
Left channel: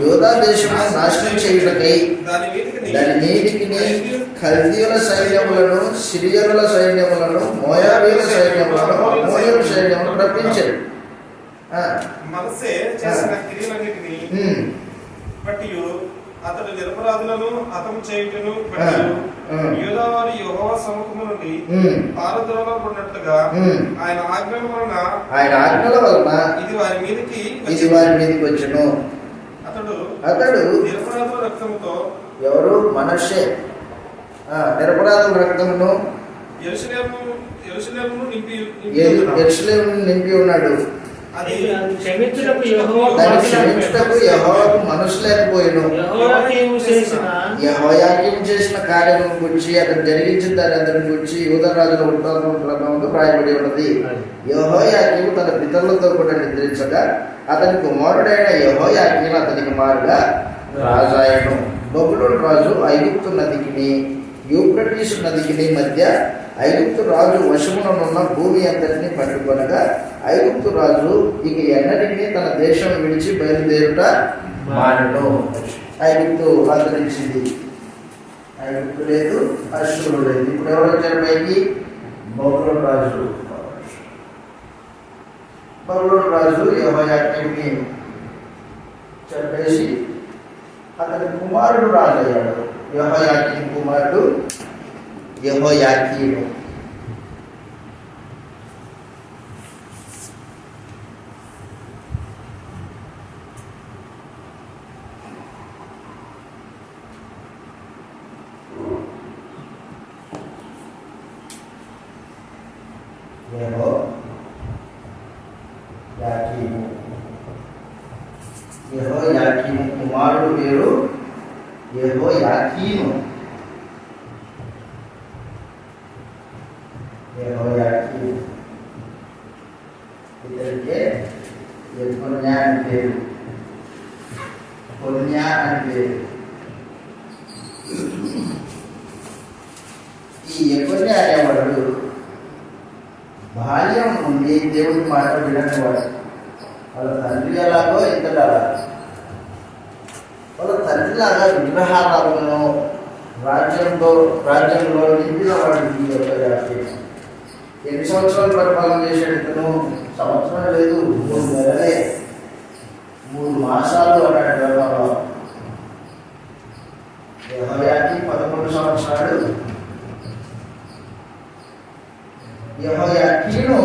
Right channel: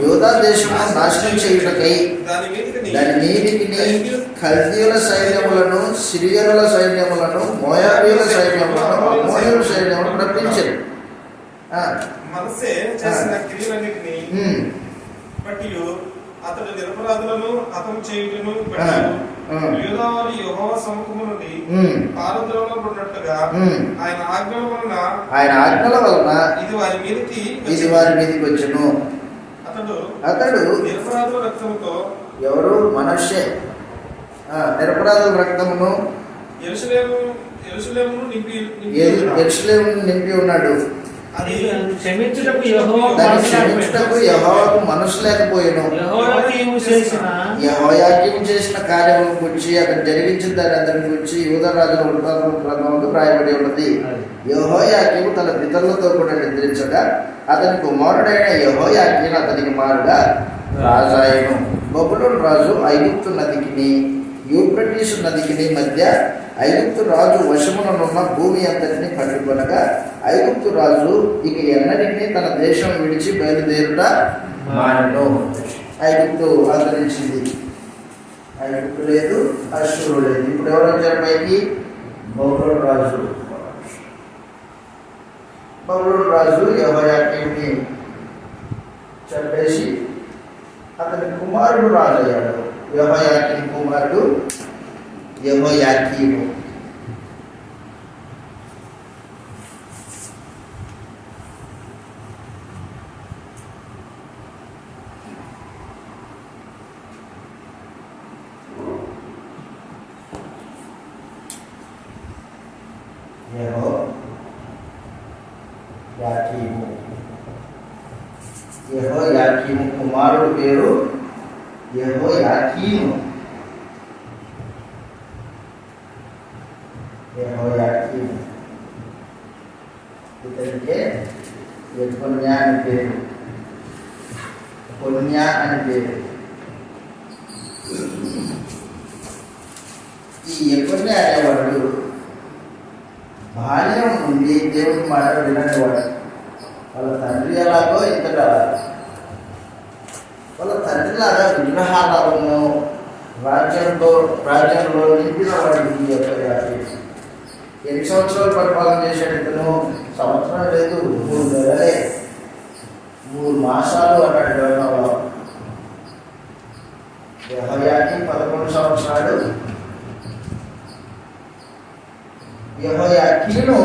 యూదా దేశమును నాశనం చేయుటకై దాని మీదికి కల్దీయుల సైన్యములను, సిరియనుల సైన్యములను, మోయాబీయుల సైన్యములను, అమ్మోనీయుల సైన్యములను రప్పించారు. అతడు నిరపరాధులను హతము చేయుటను యూదావారు యెహోవా సముఖము నుండి పారద్రోలబడినట్లుగా ఆయన ఆజ్ఞల వలన ఇది వారి మీదకి వచ్చెను. అతడు నిరపరాధుల రక్తముతో, ఎవరు? మనష్షే నిరపరాధుల రక్తమును యెరూషలేమును నింపి ఉన్నాడు. క్షమించుటకు యెహోవాకు మనసు లేకపోయాను. యెహోయాకీము చేసిన కార్యముల గురించి, అతను జరిగించిన దాని గురించి యూదా రాజుల వృత్తాంతం గ్రంథంలో రాయబడి ఉన్నది. యెహోయాకీము తన పితరులతో కూడా నిద్రించగా అతని కుమారుడైన యెహోయాకీను అతనికి మారుగా రాజాయను. బబులోను రాజు ఐగుప్తు నదికిని యూఫ్రటీసు నదికిని మధ్య ఐగుప్తు రాజు వశముననున్న భూమి అంతటిని పట్టుకొనగా ఐగుప్తు రాజు ఇక ఎన్నటికీ తన దేశం విడిచి బయలుదేరుట మానెను. ఐగుప్తు అంతరించింది. ఐగుప్తు లేదు, అశ్షూరు లేదు. ఇప్పుడు ఎవరు వచ్చారు పైకి? బబులోను రాజు. బబులోను రాజు యెహోయాకీముని చంపేసి అతని కుమారుడు రాజయ్యాడు. యెహోయాకీము కుమారుడు యెహోయాకీము. యెహోయాకీము కుమారుడు పేరు యెహోయాకీము. ఇతనికే యెకొన్యా అని పేరు. కొన్యా అని పేరు. ఈ యెకొన్యా అనేవాడు బాల్యం నుండి దేవుడి మాట విననివాడు. వాళ్ళ తండ్రి ఎలాగో ఇతడు అలాగో. వాళ్ళ తండ్రిలాగా విగ్రహాలను రాజ్యంలో నింపిన వాడికి యెహోయాకీము. ఎన్ని సంవత్సరాలు పరిపాలన చేశాడు ఇతను? సంవత్సరం లేదు, 3 నెలలే, 3 మాసాలు అన్నాడు గ్రంథంలో. యెహోయాకీము 11 సంవత్సరాలు. యెహోయాకీను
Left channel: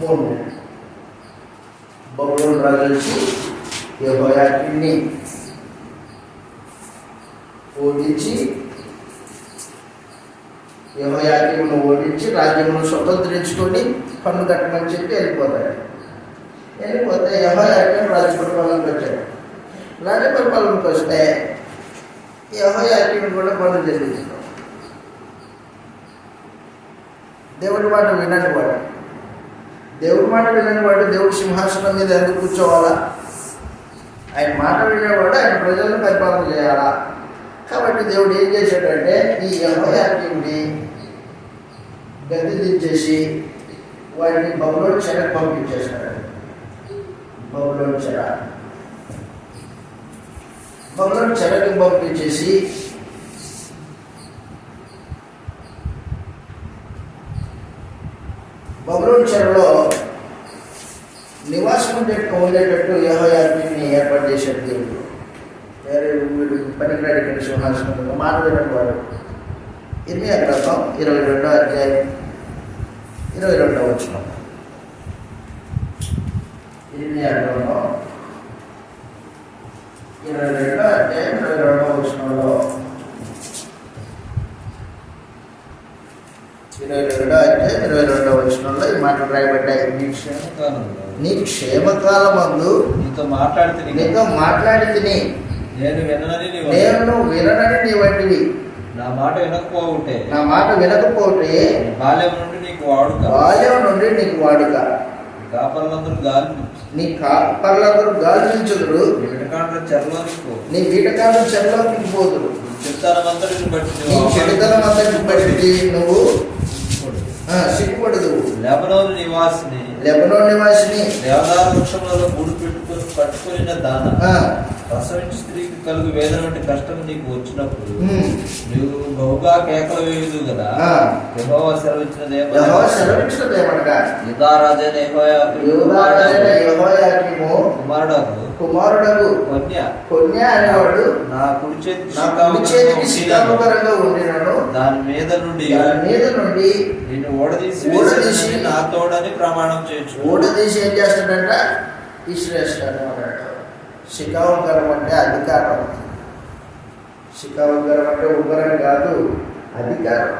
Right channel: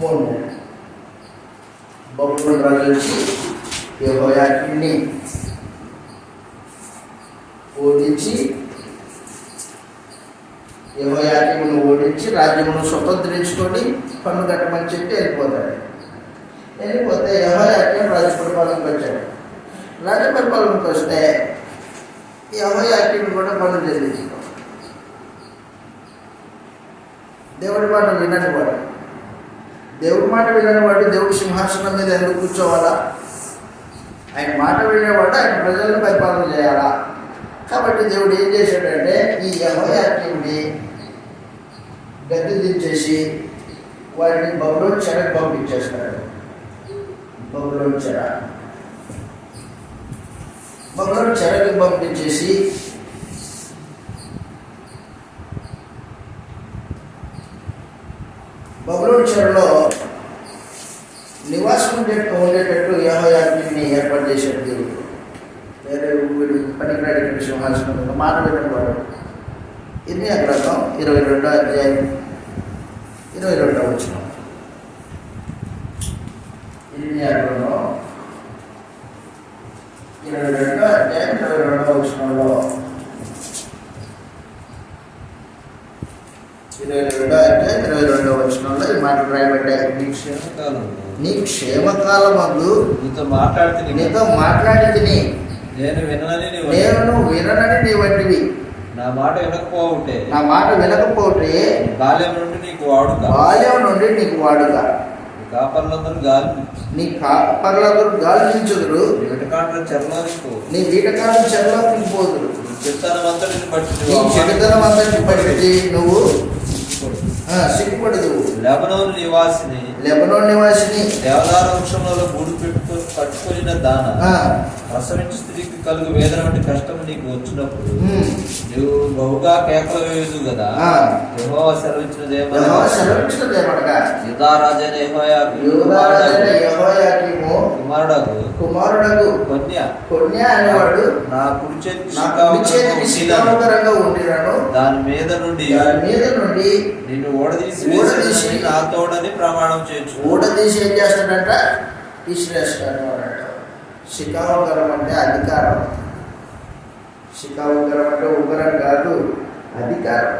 3 నెలలు. బబులోను రాజు వచ్చి యెహోయాకీముని ఓడించి యెహోయాకీమును ఓడించి రాజ్యమును స్వతంత్రించుకొని పన్ను కట్టమని చెప్పి వెళ్ళిపోతాడు. వెళ్ళిపోతే యెహోయాకీము రాజ్య పరిపాలనకు వచ్చాడు. రాజ్య పరిపాలనకు వస్తే యెహోయాకీము కూడా పన్ను చెల్లించుకో. దేవుడి మాట వినని వాడు. దేవుడి మాట వినని వాడు దేవుడి సింహాసనం మీద ఎందుకు కూర్చోవాలా? ఆయన మాట వినేవాడు ఆయన ప్రజలను పరిపాలన చేయాలా? కాబట్టి దేవుడు ఏం చేశాడంటే ఈ యెహోయాకీముని గద్దె దించేసి వాడిని బబులోను చెరకు పంపించేస్తాడు. బబులోను చెరకు పంపించేసి బబులోను చెరలో నివాసం ఉండేటట్టు యెహోయాకీముని ఏర్పాటు చేశాడు దేవుడు. వేరే వీడు పనికిరాడు ఇక్కడ సింహాసనం మీద మాట వినని వాడు. ఇర్మియా గ్రంథం 22వ అధ్యాయం 22వ వచనం. ఇర్మియా గ్రంథం 22వ అధ్యాయం 22వ వచనంలో 22వ అధ్యాయం 22వ వచనంలో ఈ మాటలు రాయబడ్డాయి. నీ క్షేమకాలమందు నీతో మాట్లాడింది నేను విననని నీ వంటివి. నా మాట వినకపోతే బాల్యం నుండి నీకు వాడుక నీ కాపర్లందరూ గాలించుదురు. నీ కీటకాలను చెరలోకి పోదురు. నీ చెడుతనం అంతటిని బట్టి నువ్వు సిగ్గుపడదు. లెబనోను నివాసిని దేవదారు వృక్షంలో గూడు పెట్టుకొని పట్టుకొనిన దాన ప్రసవించి స్త్రీకి కలుగు వేదన వంటి కష్టం నీకు వచ్చినప్పుడు నువ్వు బహుగా కేకలు వేయదు కదా. యెహోవా సెలవిచ్చినదేమనగా యూదారాజైన యెహోయాకీము కుమారుడగు కొన్యా అనేవాడు నా కుడి చేతికి శిఖాముఖరంగా ఉండినను దాని మీద నుండి నిన్ను ఓడదీసి నాతోడని ప్రమాణం చేయొచ్చు. ఓడదీసి ఏం చేస్తాడంట? ఇశ్రేష్టాడు అన్నమాట. శిఖాముఖరం అంటే అధికారం. శిఖాముఖరం అంటే ఉగ్రం కాదు, అధికారం.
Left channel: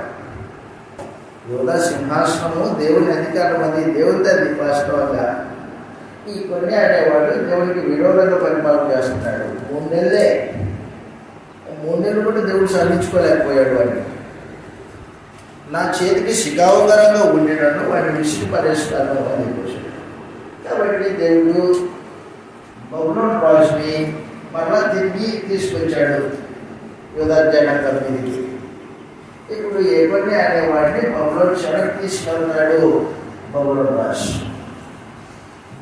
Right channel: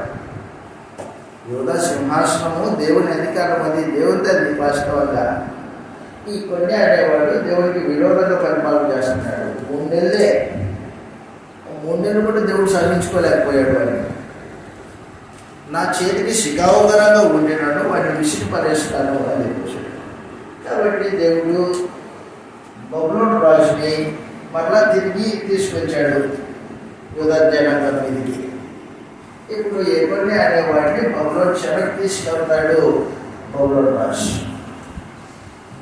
యూదా సింహాసనము దేవుని అధికారం. అది దేవుని తల్లి వాస్తవంగా. ఈ కొన్ని అనేవాడు దేవుడికి విరోధంగా పరిపాలన చేస్తున్నాడు. 3 నెలలే. 3 నెలలు కూడా దేవుడు సహించుకోలేకపోయాడు. అని నా చేతికి శిఖావుగరంగా ఉండినను వాడిని విసిరి పడేస్తాను అని చెప్పేశాడు. కాబట్టి దేవుడు బబులోను రాజుని మరలా తిరిగి తీసుకొచ్చాడు యూదా జనాంగం మీదకి. ఇప్పుడు యెకొన్యా అనేవాడిని బబులోను చెరకు తీసుకెళ్తాడు బబులోను రాజు.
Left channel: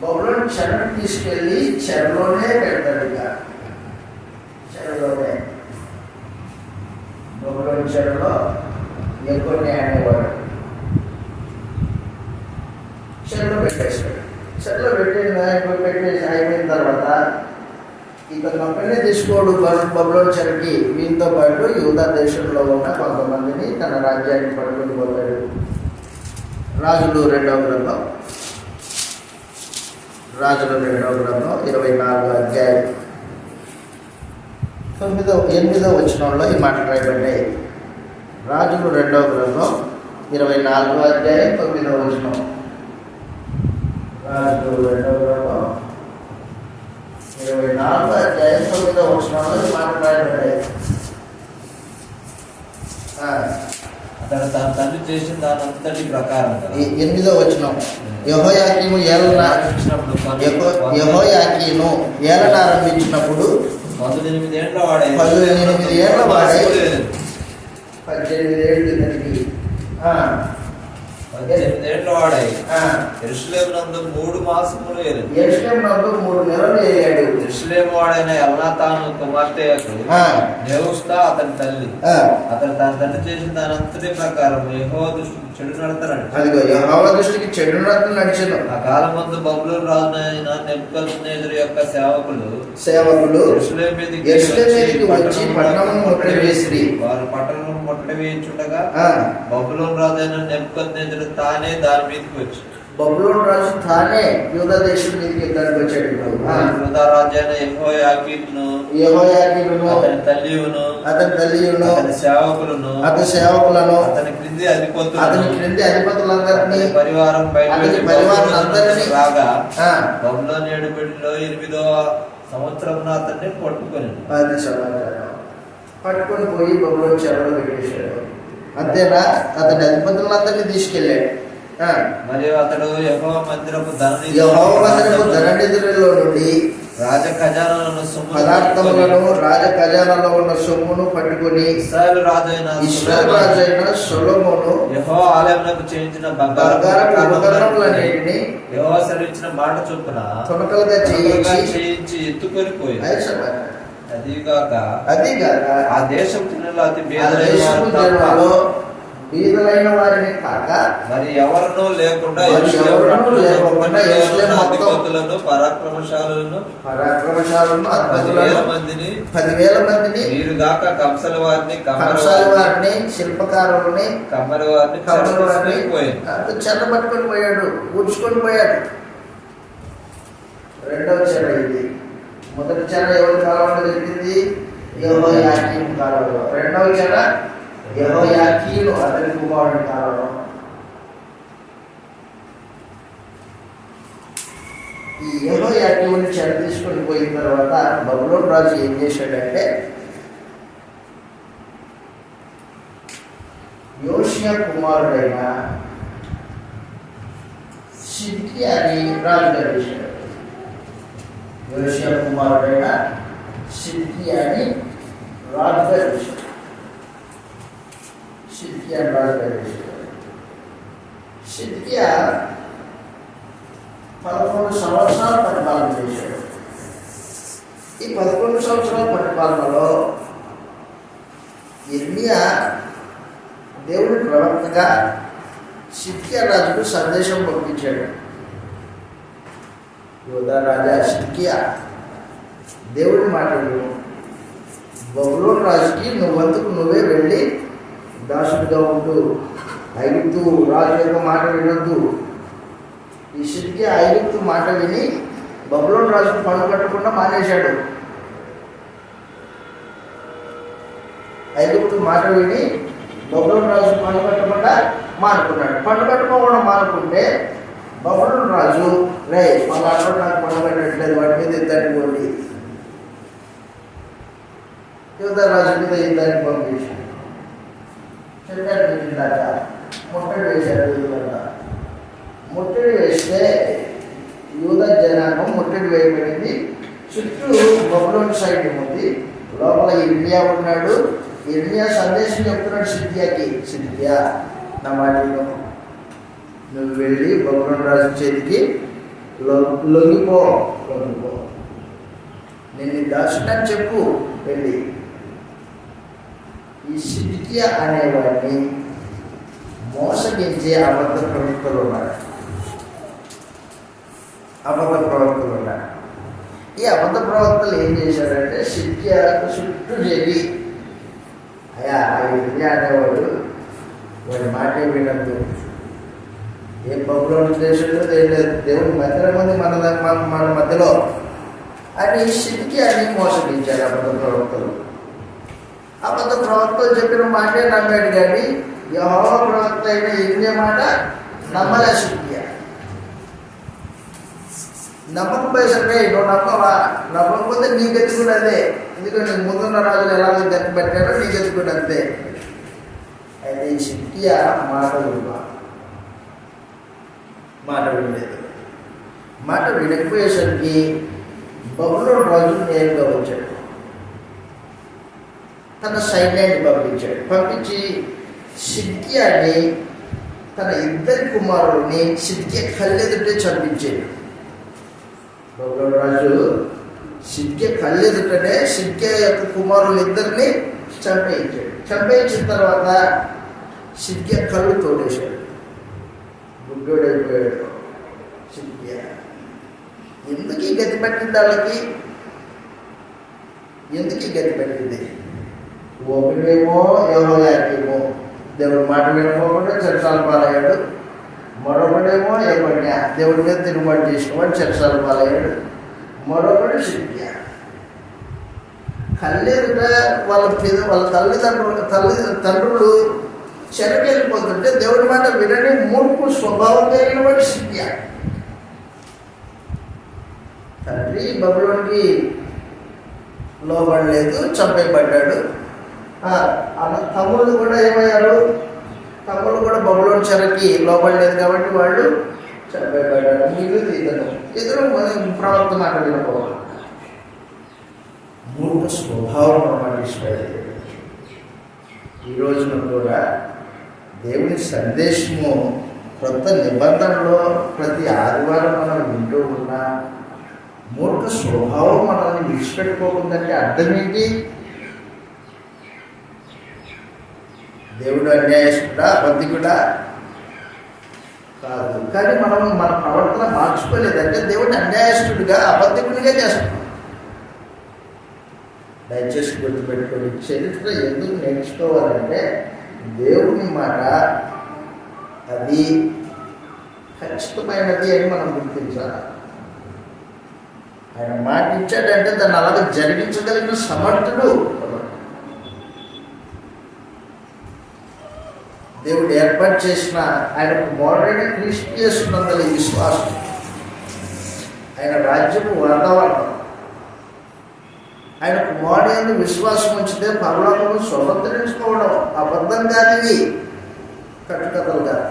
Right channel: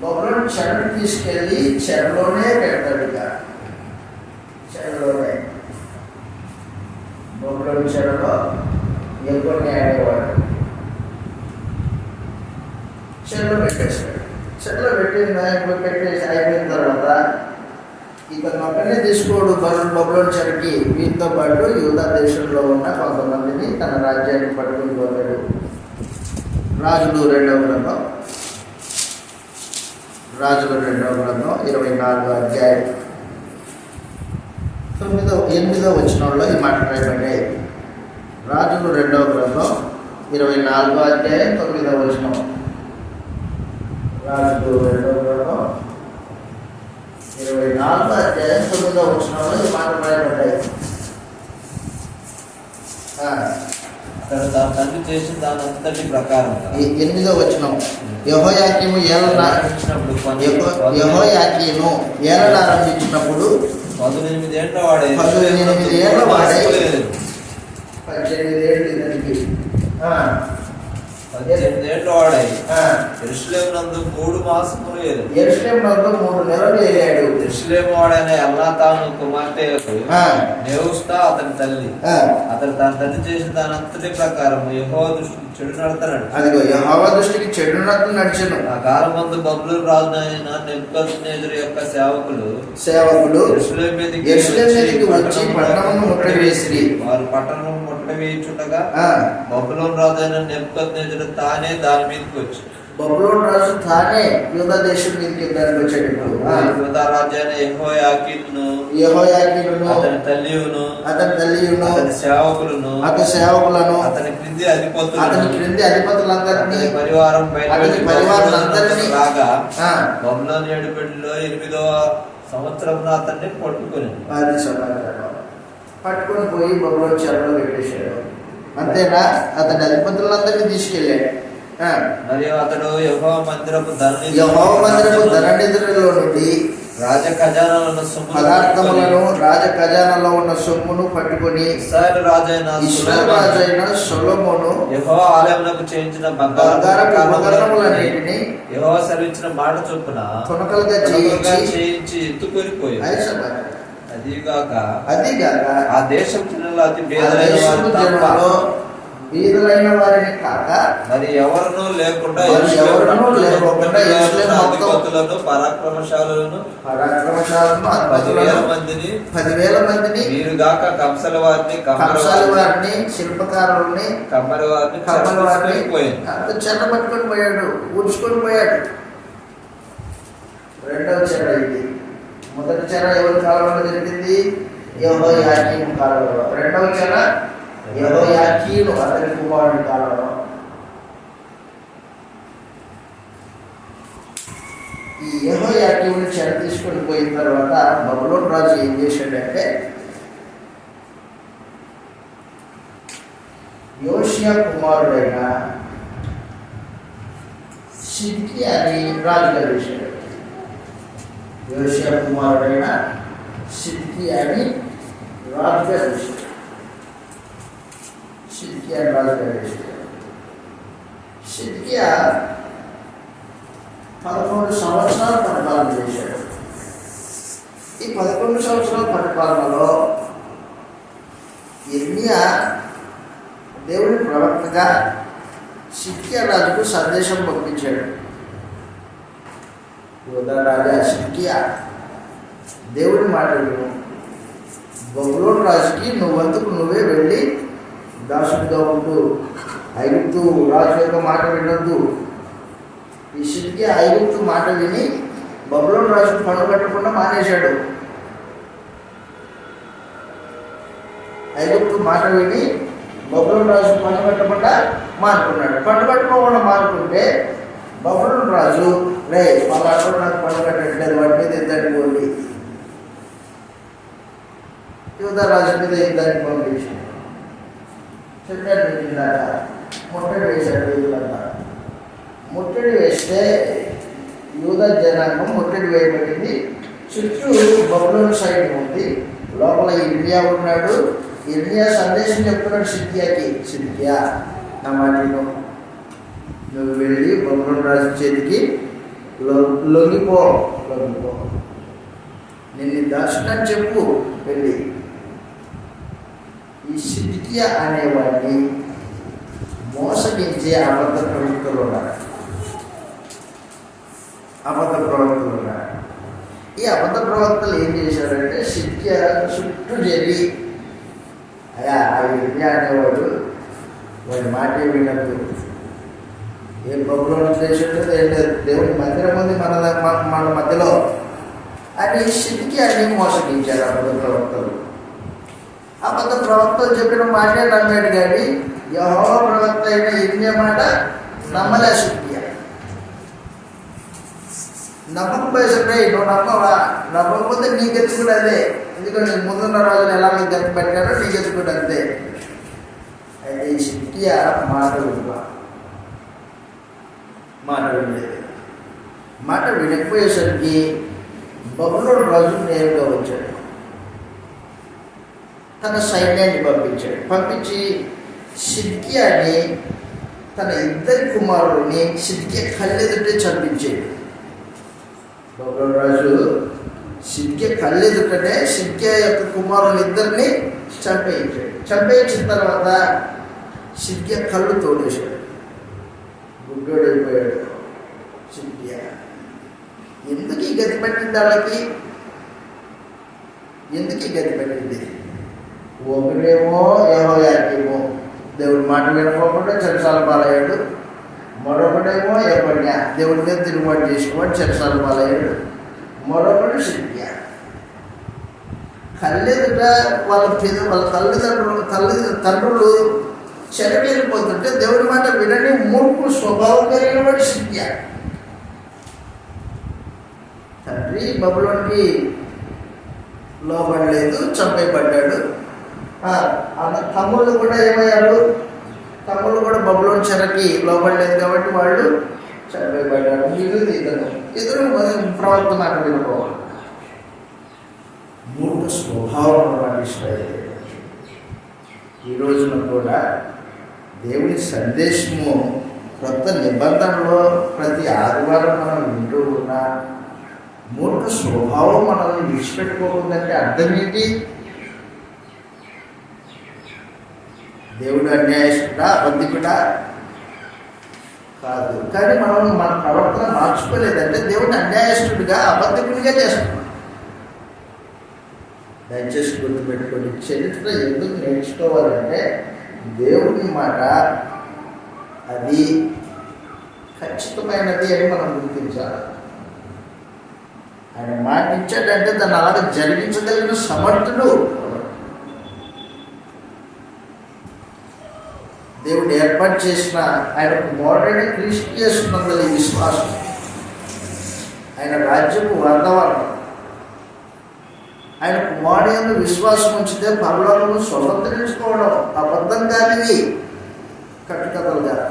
బబులోను చెరకు తీసుకెళ్ళి చెరలోనే పెడతాడు. ఇక చెరలోనే బబులోను చెరలో యెకొన్యా అనేవాడు చెరలో పెట్టేస్తాడు. చెరలో పెట్టేసి అయిపోయిన తర్వాత ఇతను ఒక్కనే తీసుకోడు బబులోను చెరకి, వీరితో పాటు యూదా దేశంలో ఉన్న కొంతమందిని తన రాజ్యాన్ని పట్టుకొని పోతాడు. రాజులు 2వ గ్రంథం 24వ అధ్యాయం 8వ వచనంలో ఈ మాట రాయబడ్డాయి. రాజులు 2వ గ్రంథం 24వ అధ్యాయం 9వ వచనం. రాజులు 2వ గ్రంథం 24వ అధ్యాయం 9వ వచనంలో ఈ మాట రాయబడ్డాయి. తన తండ్రి చేసిన దానంతటి ప్రకారం 8వ వచనం. యెహోయాకీను ఏలనారంభించినప్పుడు 18 ఏళ్ల వాడై 18 ఏళ్ల వాడై 18 ఏళ్ళు ఇతనికి 18 ఏళ్ల వాడై యెరూషలేము నందు 3 మాసములు ఏలాడు. యెరూషలేము నందు 3 నెలలు ఏలాడు. యెరూషలేము వాడైన ఎల్నాతాను కుమార్తె నెహుష్తా అతని తల్లి. అతను తన తండ్రి చేసిన దానంతటి ప్రకారం యెహోవా దృష్టికి చెడు నడతాడు. అదిగో యెహోవా దృష్టికి చెడు నడతలు నడిచెను. ఆ కాలమందు బబులోను రాజైన నెబుకద్నెజరు యొక్క సేవకులు యెరూషలేము మీదకి వచ్చి పట్టణమును ముట్టడి వేసిరి. వారు పట్టణమును ముట్టడి వేయించుండగా బబులోను రాజైన నెబుకద్నెజరు తానే దాని మీదకి వచ్చి బబులోను రాజు తానే యూదా దేశం మీదకి యుద్ధానికి వచ్చాడు. యూదా రాజైన యెహోయాకీనును అతని తల్లియును అతని సేవకులను అతని క్రింది అధిపతులందరినీ అతని పరివారాలందరినీ రాగా బబులోను ఏడుబడిలో 8వ సంవత్సరం అతన్ని పట్టుకొని పోయి బబులోను చెరలో పెట్టేశాడు. అంతేనా? అతని అధిపతులందరినీ తీసుకెళ్ళాడు. మరియు అతడు యెహోవా మందిరపు ధననిధులలో నుండి రాజ ఖజానాలను పదార్థములను రాజ ఖజానాలో ఉన్న సొమ్మును పట్టుకొని ఇశ్రాయేలు రాజైన సొలొమోను యెహోవా ఆలయమునకు చేయించిన బంగారపు ఉపకరణములన్నిటిని యెహోవా సెలవిచ్చిన మాట చొప్పున తునకలుగా చేయించి ఎత్తుకొని పోయి అదిగాక ఆ దేశం జనులు అతి బీదలైన వారిని కాక మరి ఎవరినూ లేకుండా అధిపతులను పరాక్రమశాలను 10,000 మందిని వీరుగాక కంసల వారిని శిల్పకారుల్ని కమ్మరి వారిని చెర పట్టుకొని పోయాడు, ఊడ్చుకొని పోయాడు. 2వ చెర ఇది. మొదటి చెర ఎవరి కాలంలో జరిగింది? యెహోయాకీము కాలంలో. 2వ చెర యెహోయాకీను అతని కుమారుడి కాలంలో. ఈ యెహోయాకీముని చెర తీసుకొని పోయిన తర్వాత బబులోను రాజు ఏం చేశాడంటే యోషియా కుమారుడైన సిద్కియాని రాజుగా చేశాడు. యోషియా కుమారుడైన సిద్కియాని రాజుగా చేశాడు. సిద్కియాని రాజుగా చేశాడు. సిద్కియా 11 సంవత్సరాల పరిపాలన చేశాడు. ఈ 11 సంవత్సరాల పరిపాలనలో యిర్మీయా దేవుని ప్రవక్తగా సిద్కియా రాజుకు సందేశం పంపించాడు. యూదా రాజా సిద్కియా, దేవుని మాట విను. బబులోను రాజుకి నువ్వందుకు నువ్వే వెళ్ళి దాసుడిగా ఉంటూ ఐగుప్తు రాజు యొక్క మాట వినొద్దు. ఈ సిద్కియా ఐగుప్తు మాట విని బబులోను రాజుకు పన్ను కట్టకుండా మానేశాడు. ఐగుప్తు మాట విని బబులోను రాజు పన్ను కట్టకుండా మానుకున్నాడు. పన్ను కట్టుకోకుండా మానుకుంటే బబులోను రాజు పలానా నాకు పన్ను కట్టట్లేదు, వాటి మీద యుద్ధానికి పోండి, యూదా రాజు మీద యుద్ధానికి పంపించాడు. చెప్పాడు ఇందాక ముట్టడి వేశాడు. యూదులంతా ముట్టడి వేస్తే యూదా జనాంగం ముట్టడి వేయబడింది. చుట్టూ బబులోను సైన్యం ఉంది. లోపల యిర్మీయా ఉన్నాడు. యిర్మీయా సందేశం చెప్తున్నాడు సిద్కియాకి, సిద్కియా నా మాటను నువ్వు వెళ్ళి బబులోను రాజు చేతికి లొంగిపో, నేను దాచునని చెప్పు వెళ్ళి. ఈ సిద్కియా అనేవాడిని మోసగించే అబద్ధ ప్రవక్తలు ఉన్నారు. ఈ అబద్ధ ప్రవక్తలు ఏం చేశారంటే సిద్కియా చుట్టూ చేరి అయ్యా ఆ ఇర్మియా అనేవాడు వాడి మాటే వినదు, ఏ బబులోని దేశంలో దేవుని మందిరం ఉంది మన మధ్యలో అని సిద్కియాని మోసగించారు అబద్ధ ప్రవక్తలు. అబద్ధ ప్రవక్తలు చెప్పిన మాటే నమ్మాడు, కానీ యెహోవా ప్రవక్త అయిన ఇర్మియా మాట నమ్మలే సిద్కియా. నమ్మకపోయేసరికి నువ్వు నమ్మవా, నమ్మకపోతే నీకు ఎత్తుకుని అదే, ఎందుకంటే ముందున్న రోజులు ఎలా నీకు గట్టి పెట్టారో నీకు ఎత్తుకుని అంతే. అయితే ఈ సిద్కియా మాట వినలేదు. మాట వినకపోయేసరికి బబులోను రాజు నేరుగా వచ్చాడు. తన సైన్యాన్ని పంపించి సిద్కియాని తన ఇద్దరి కుమారుడిని సిద్కియా కళ్ళెదుటే చంపించాడు. బబులోను రాజు సిద్కియా కళ్ళెదుటనే సిద్కియా యొక్క కుమారులు ఇద్దరిని చంపేయించిన తర్వాత సిద్కియా కళ్ళు తోడేశాడు, గుడ్డోడైపోయాడు సిద్కియా. ఎందుకు ఈ గతి పట్టింది వాళ్ళకి? ఎందుకు ఈ గతి పట్టింది? ఒకడేమో యెహోయాకీము దేవుడి మాట వినకపోకుండా చెరసాల పాలయ్యాడు, మరొకడేమో యెకొన్యా దేవుడి మీద తిరుగుబాటు చేసినవాడు చెరసాల పాలయ్యాడు, మరొకడు సిద్కియా. కళ్ళెదుట వాళ్ళ తండ్రులు చెరకెళ్ళిపోతుంటే దేవుడి మాట వినని మూర్ఖు స్వభావం కలిగిన వాడు సిద్కియా. తండ్రి బబులోనికి లోబడలేదు, చంపేయబడ్డాడు. తమ్ముళ్ళు కూడా ఏమయ్యారు? తమ్ముళ్ళు కూడా బబులోని చెరకి లోబడలేదు కాబట్టి వాళ్ళు చంపేయబడ్డారు. ఇద్దరు ప్రవక్త మాట వినపోవాలి. మూర్ఖ స్వభావం అన్నమాట ఇష్టపడలేదు. ఈ రోజున కూడా దేవుని సందేశము కొత్త నిబంధనలో ప్రతి ఆదివారం మనం వింటూ ఉన్నా మూర్ఖ స్వభావం మనల్ని విడిచిపెట్టుకోకుందంటే అర్థం ఏంటి? దేవుడు అన్యాయస్తుడా, అబద్ధికుడా కాదు, కానీ మనం మన ప్రవర్తన మార్చుకోలేదంటే దేవుడిని అన్యాయస్తుడిగా, అబద్ధికుడిగా చేస్తున్నాం. దయచేసి గుర్తుపెట్టుకోండి, చరిత్ర ఎందుకు నేర్చుకోవాలంటే దేవుని మాట అది ఖచ్చితమైనది అని మనం గుర్తించాలి. ఆయన మాట ఇచ్చాడంటే దాన్ని అలాగే జరిగించగలిగిన సమర్థుడు. దేవుడు ఏర్పాటు చేసిన ఆయన కుమారుడైన క్రీస్తు యేసునందలి విశ్వాసం, ఆయన రాజ్యపు వాతావరణం, ఆయన కుమారుడు యందు విశ్వాసం ఉంచితే పరలోకము స్వతంత్రించుకోవడం అబద్ధం కానిది, కట్టుకథలు కాదు.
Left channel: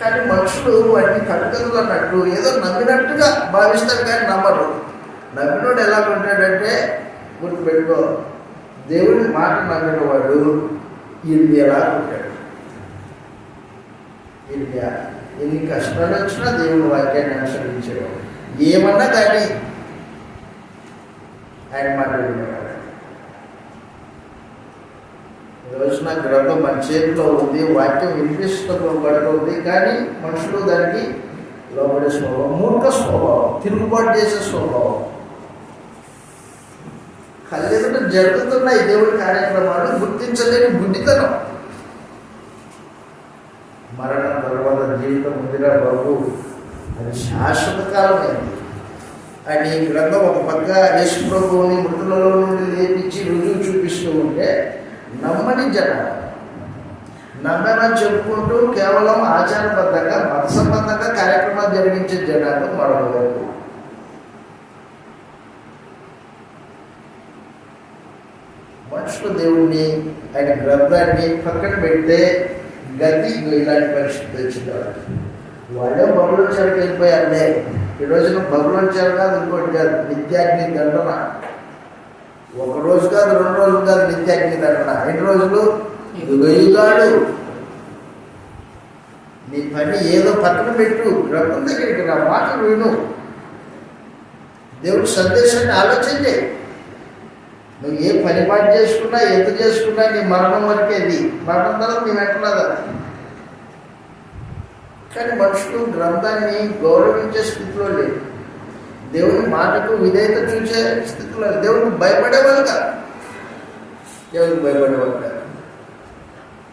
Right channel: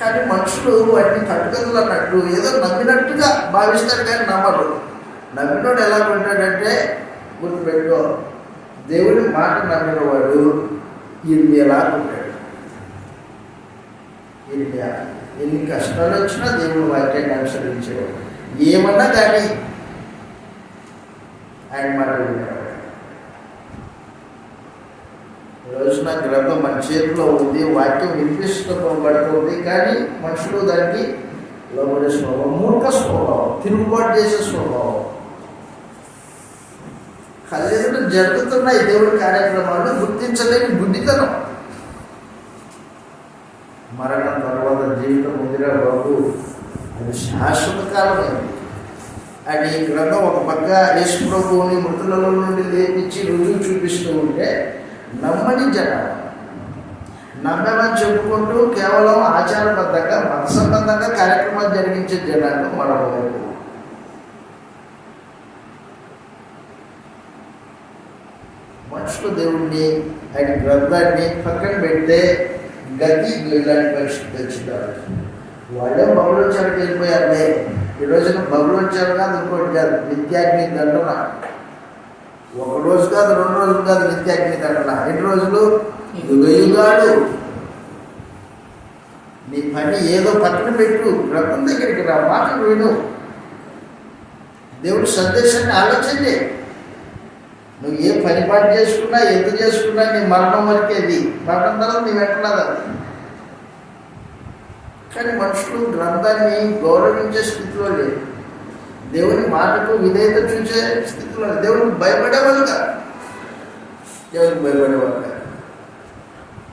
కానీ మనుషులు వాటిని కట్టుకథలు అన్నట్టు ఏదో నమ్మినట్టుగా భావిస్తారు, కానీ నమ్మరు. నమ్మినోడు ఎలా ఉంటాడంటే గుర్తుపెట్టుకో, దేవుని మాట నమ్మిన వాడు ఇర్మియాలా ఉంటాడు. ఇర్మియా ఎన్ని కష్టాలు వచ్చినా దేవుడు వాక్యాన్ని అనుసరించేవాడు, ఏమన్నా కానీ ఆయన మాట వినేవాడు. ఈరోజున గ్రంథం మన చేతిలో ఉంది, వాక్యం వినిపిస్తుంది, కానీ మనుషులు దానికి లోబడే స్వభావం, మూర్ఖ స్వభావం, తిరుగుబాటు చేసే స్వభావం. కళ్ళెదుట జరుగుతున్నాయి దేవుడి కార్యక్రమాలు, గుర్తించలేని గుడ్డితనం. మరణం తర్వాత జీవితం ఉందిరా బాబు, అది శాశ్వత కాలమైంది అని గ్రంథం ఒక పక్క యేసు ప్రభువుని మృతులలో నుండి లేపించి రుజువు చూపిస్తూ ఉంటే నమ్మని జనాలు, నమ్మమని చెప్పుకుంటూ కేవలం ఆచారబద్ధంగా మత సంబంధంగా కార్యక్రమాలు జరిగించే జనాలు మరొకవైపు. మనుషులు దేవుడిని ఆయన గ్రంథాన్ని పక్కన పెడితే గతి ఇలాంటి పరిస్థితి వచ్చింటారు. వాళ్ళే బబులోని చెరకు వెళ్ళిపోయారులే. ఈ రోజున బబులోని చెరకు కాదు, ఇంకోటి కాదు, నిత్యాగ్ని దండన. ఒక రోజు కాదు, 2 రోజులు కాదు, నిత్యాగ్ని దండన. 5 రోజులు, యుగాలు. నీ పని ఏదో పక్కన పెట్టు, గ్రంథం దగ్గరికి రా, మాటలు విను, దేవుడి సందేశాన్ని ఆలోచించే. నువ్వు ఏ పని పాటు చేసుకున్నా, ఎంత చేసుకున్నా నీ మరణం వరకేది, మరణం తర్వాత నీ వెంటనది అది. కానీ మనుషులు గ్రంథాన్ని గౌరవించే స్థితిలో లేరు. దేవుని మాటకు విధేయత చూసే స్థితిలో దేవుడికి భయపడేవాళ్ళు కాదు. దేవుడికి భయపడేవాళ్ళు కాదు.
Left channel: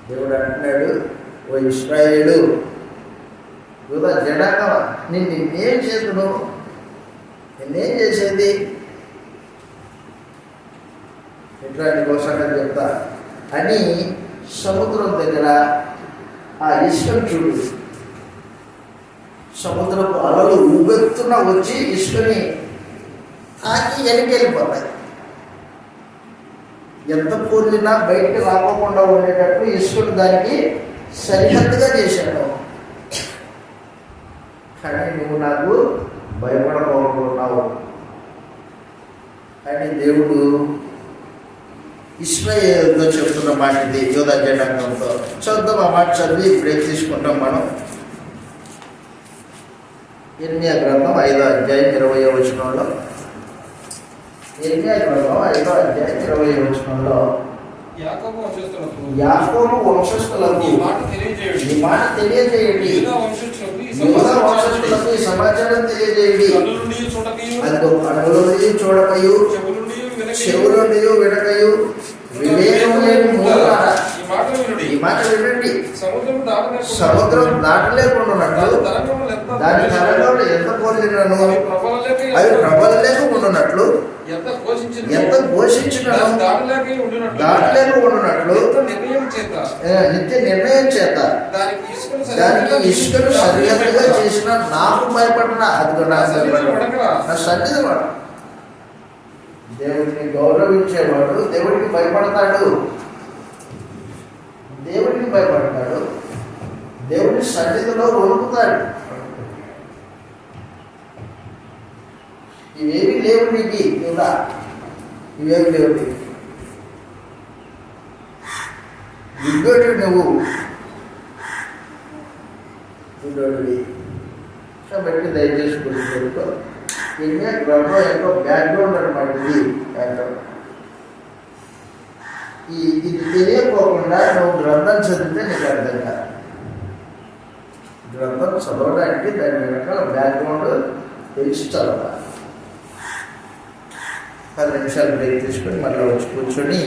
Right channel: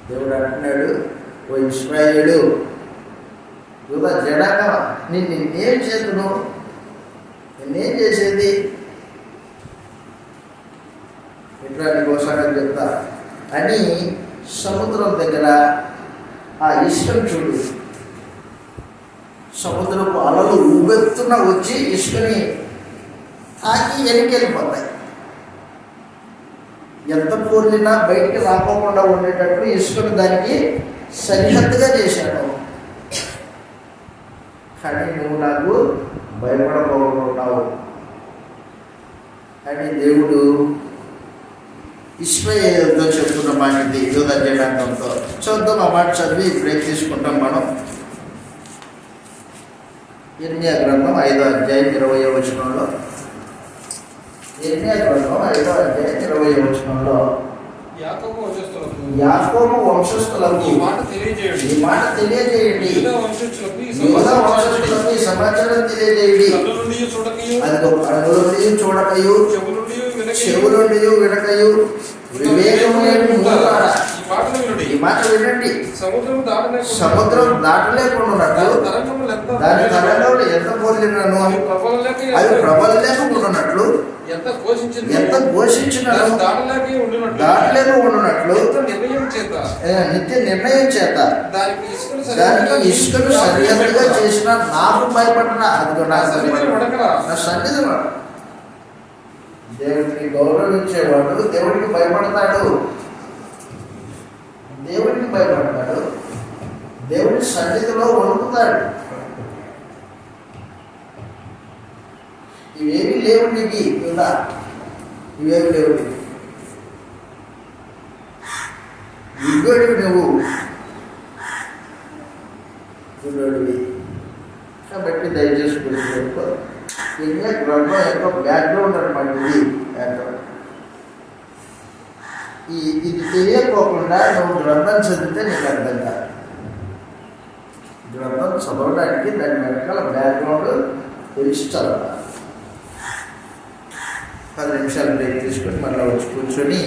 దేవుడు అంటున్నాడు, ఓ ఇశ్రాయేలు యూదా జనాంగమా, నిన్నేం చేతును, నిన్నేం చేసేది, ఇట్లా నీకోసంగా చెప్తా అని సముద్రం దగ్గర ఆ ఇసుకను చూడు. సముద్రపు అలలు ఊబెత్తున వచ్చి ఇసుకని తాకి వెళ్ళిపోతాయి. ఎంత పోలినా బయటికి రాకోకుండా ఉండేటట్టు ఇసుకను దానికి సరిహద్దుగా చేశాను. కానీ నువ్వు నాకు భయపడబోతున్నావు అని దేవుడు ఇశ్రాయేలుతో చెప్తున్న మాట ఇది. యూదా జనాంగంతో చదువుతాం. ఆ మాట చదివి బ్రేక్ తీసుకుంటాం మనం. ఇర్మియా గ్రంథం 5వ అధ్యాయం 20వ వచనంలో, ఇర్మియా గ్రంథం 5వ అధ్యాయం 20వ వచనంలో, యాకోబు వంశస్థులకు ఈ మాట తెలియజేయండి, యూదా వంశస్థులకు ఈ సమాచారం తెలియజేయండి. అదిగో కన్నుల నుండి చూడకయు, చెవుల నుండి వినకయు, వివేకం లేని మూలారా, ఈ మాట వినండి. సముద్రం దాటలేకుండానట్లు దాని తరంగంలో ఎంత పోలినను అది ప్రబలలేకుండానట్లు, ఎంత ఘోషించినను దాటలేక ఉండునట్లు నిత్య నిర్ణయం చేత దానికి ఇసుకను సరిహద్దుగా చేసిన నాకు భయపడిన, అదిగో నాకు భయపడిన నా సన్నిధి వాడు. దేవుడిని గౌరవించేవాడు దేవుడికి భయపడతాడు. దేవుడికి భయపడతాడు. దేవుడి సన్నిధిలో వణుకుతాడు. ఇవేమి లేవు నీకు ఇలా, ఇవేమి లేవు నీకు. గుడ్డోడివి నువ్వు, గుడ్డోడివి. కాబట్టి దయచేసి గుర్తుపెట్టుకో. ఇండియా గ్రంథం ఎంతో బ్యాక్గ్రౌండ్ అనమాట. ఇది తెలియకోకుండా నువ్వు గ్రంథం చదివితే నీకు అర్థం కాదు. గ్రంథం చదవడానికి దాని వెనకాల బ్యాక్గ్రౌండ్ తెలిసి చదవాలి. 10 నిమిషాలు బ్రేక్ తీసుకొని మళ్ళీ వచ్చి కూర్చొని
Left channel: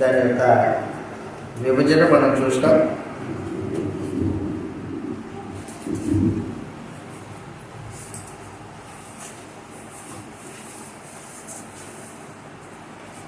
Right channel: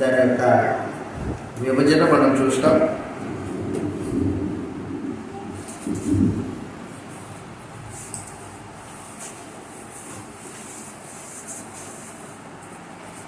దాని యొక్క విభజన మనం చూస్తాం.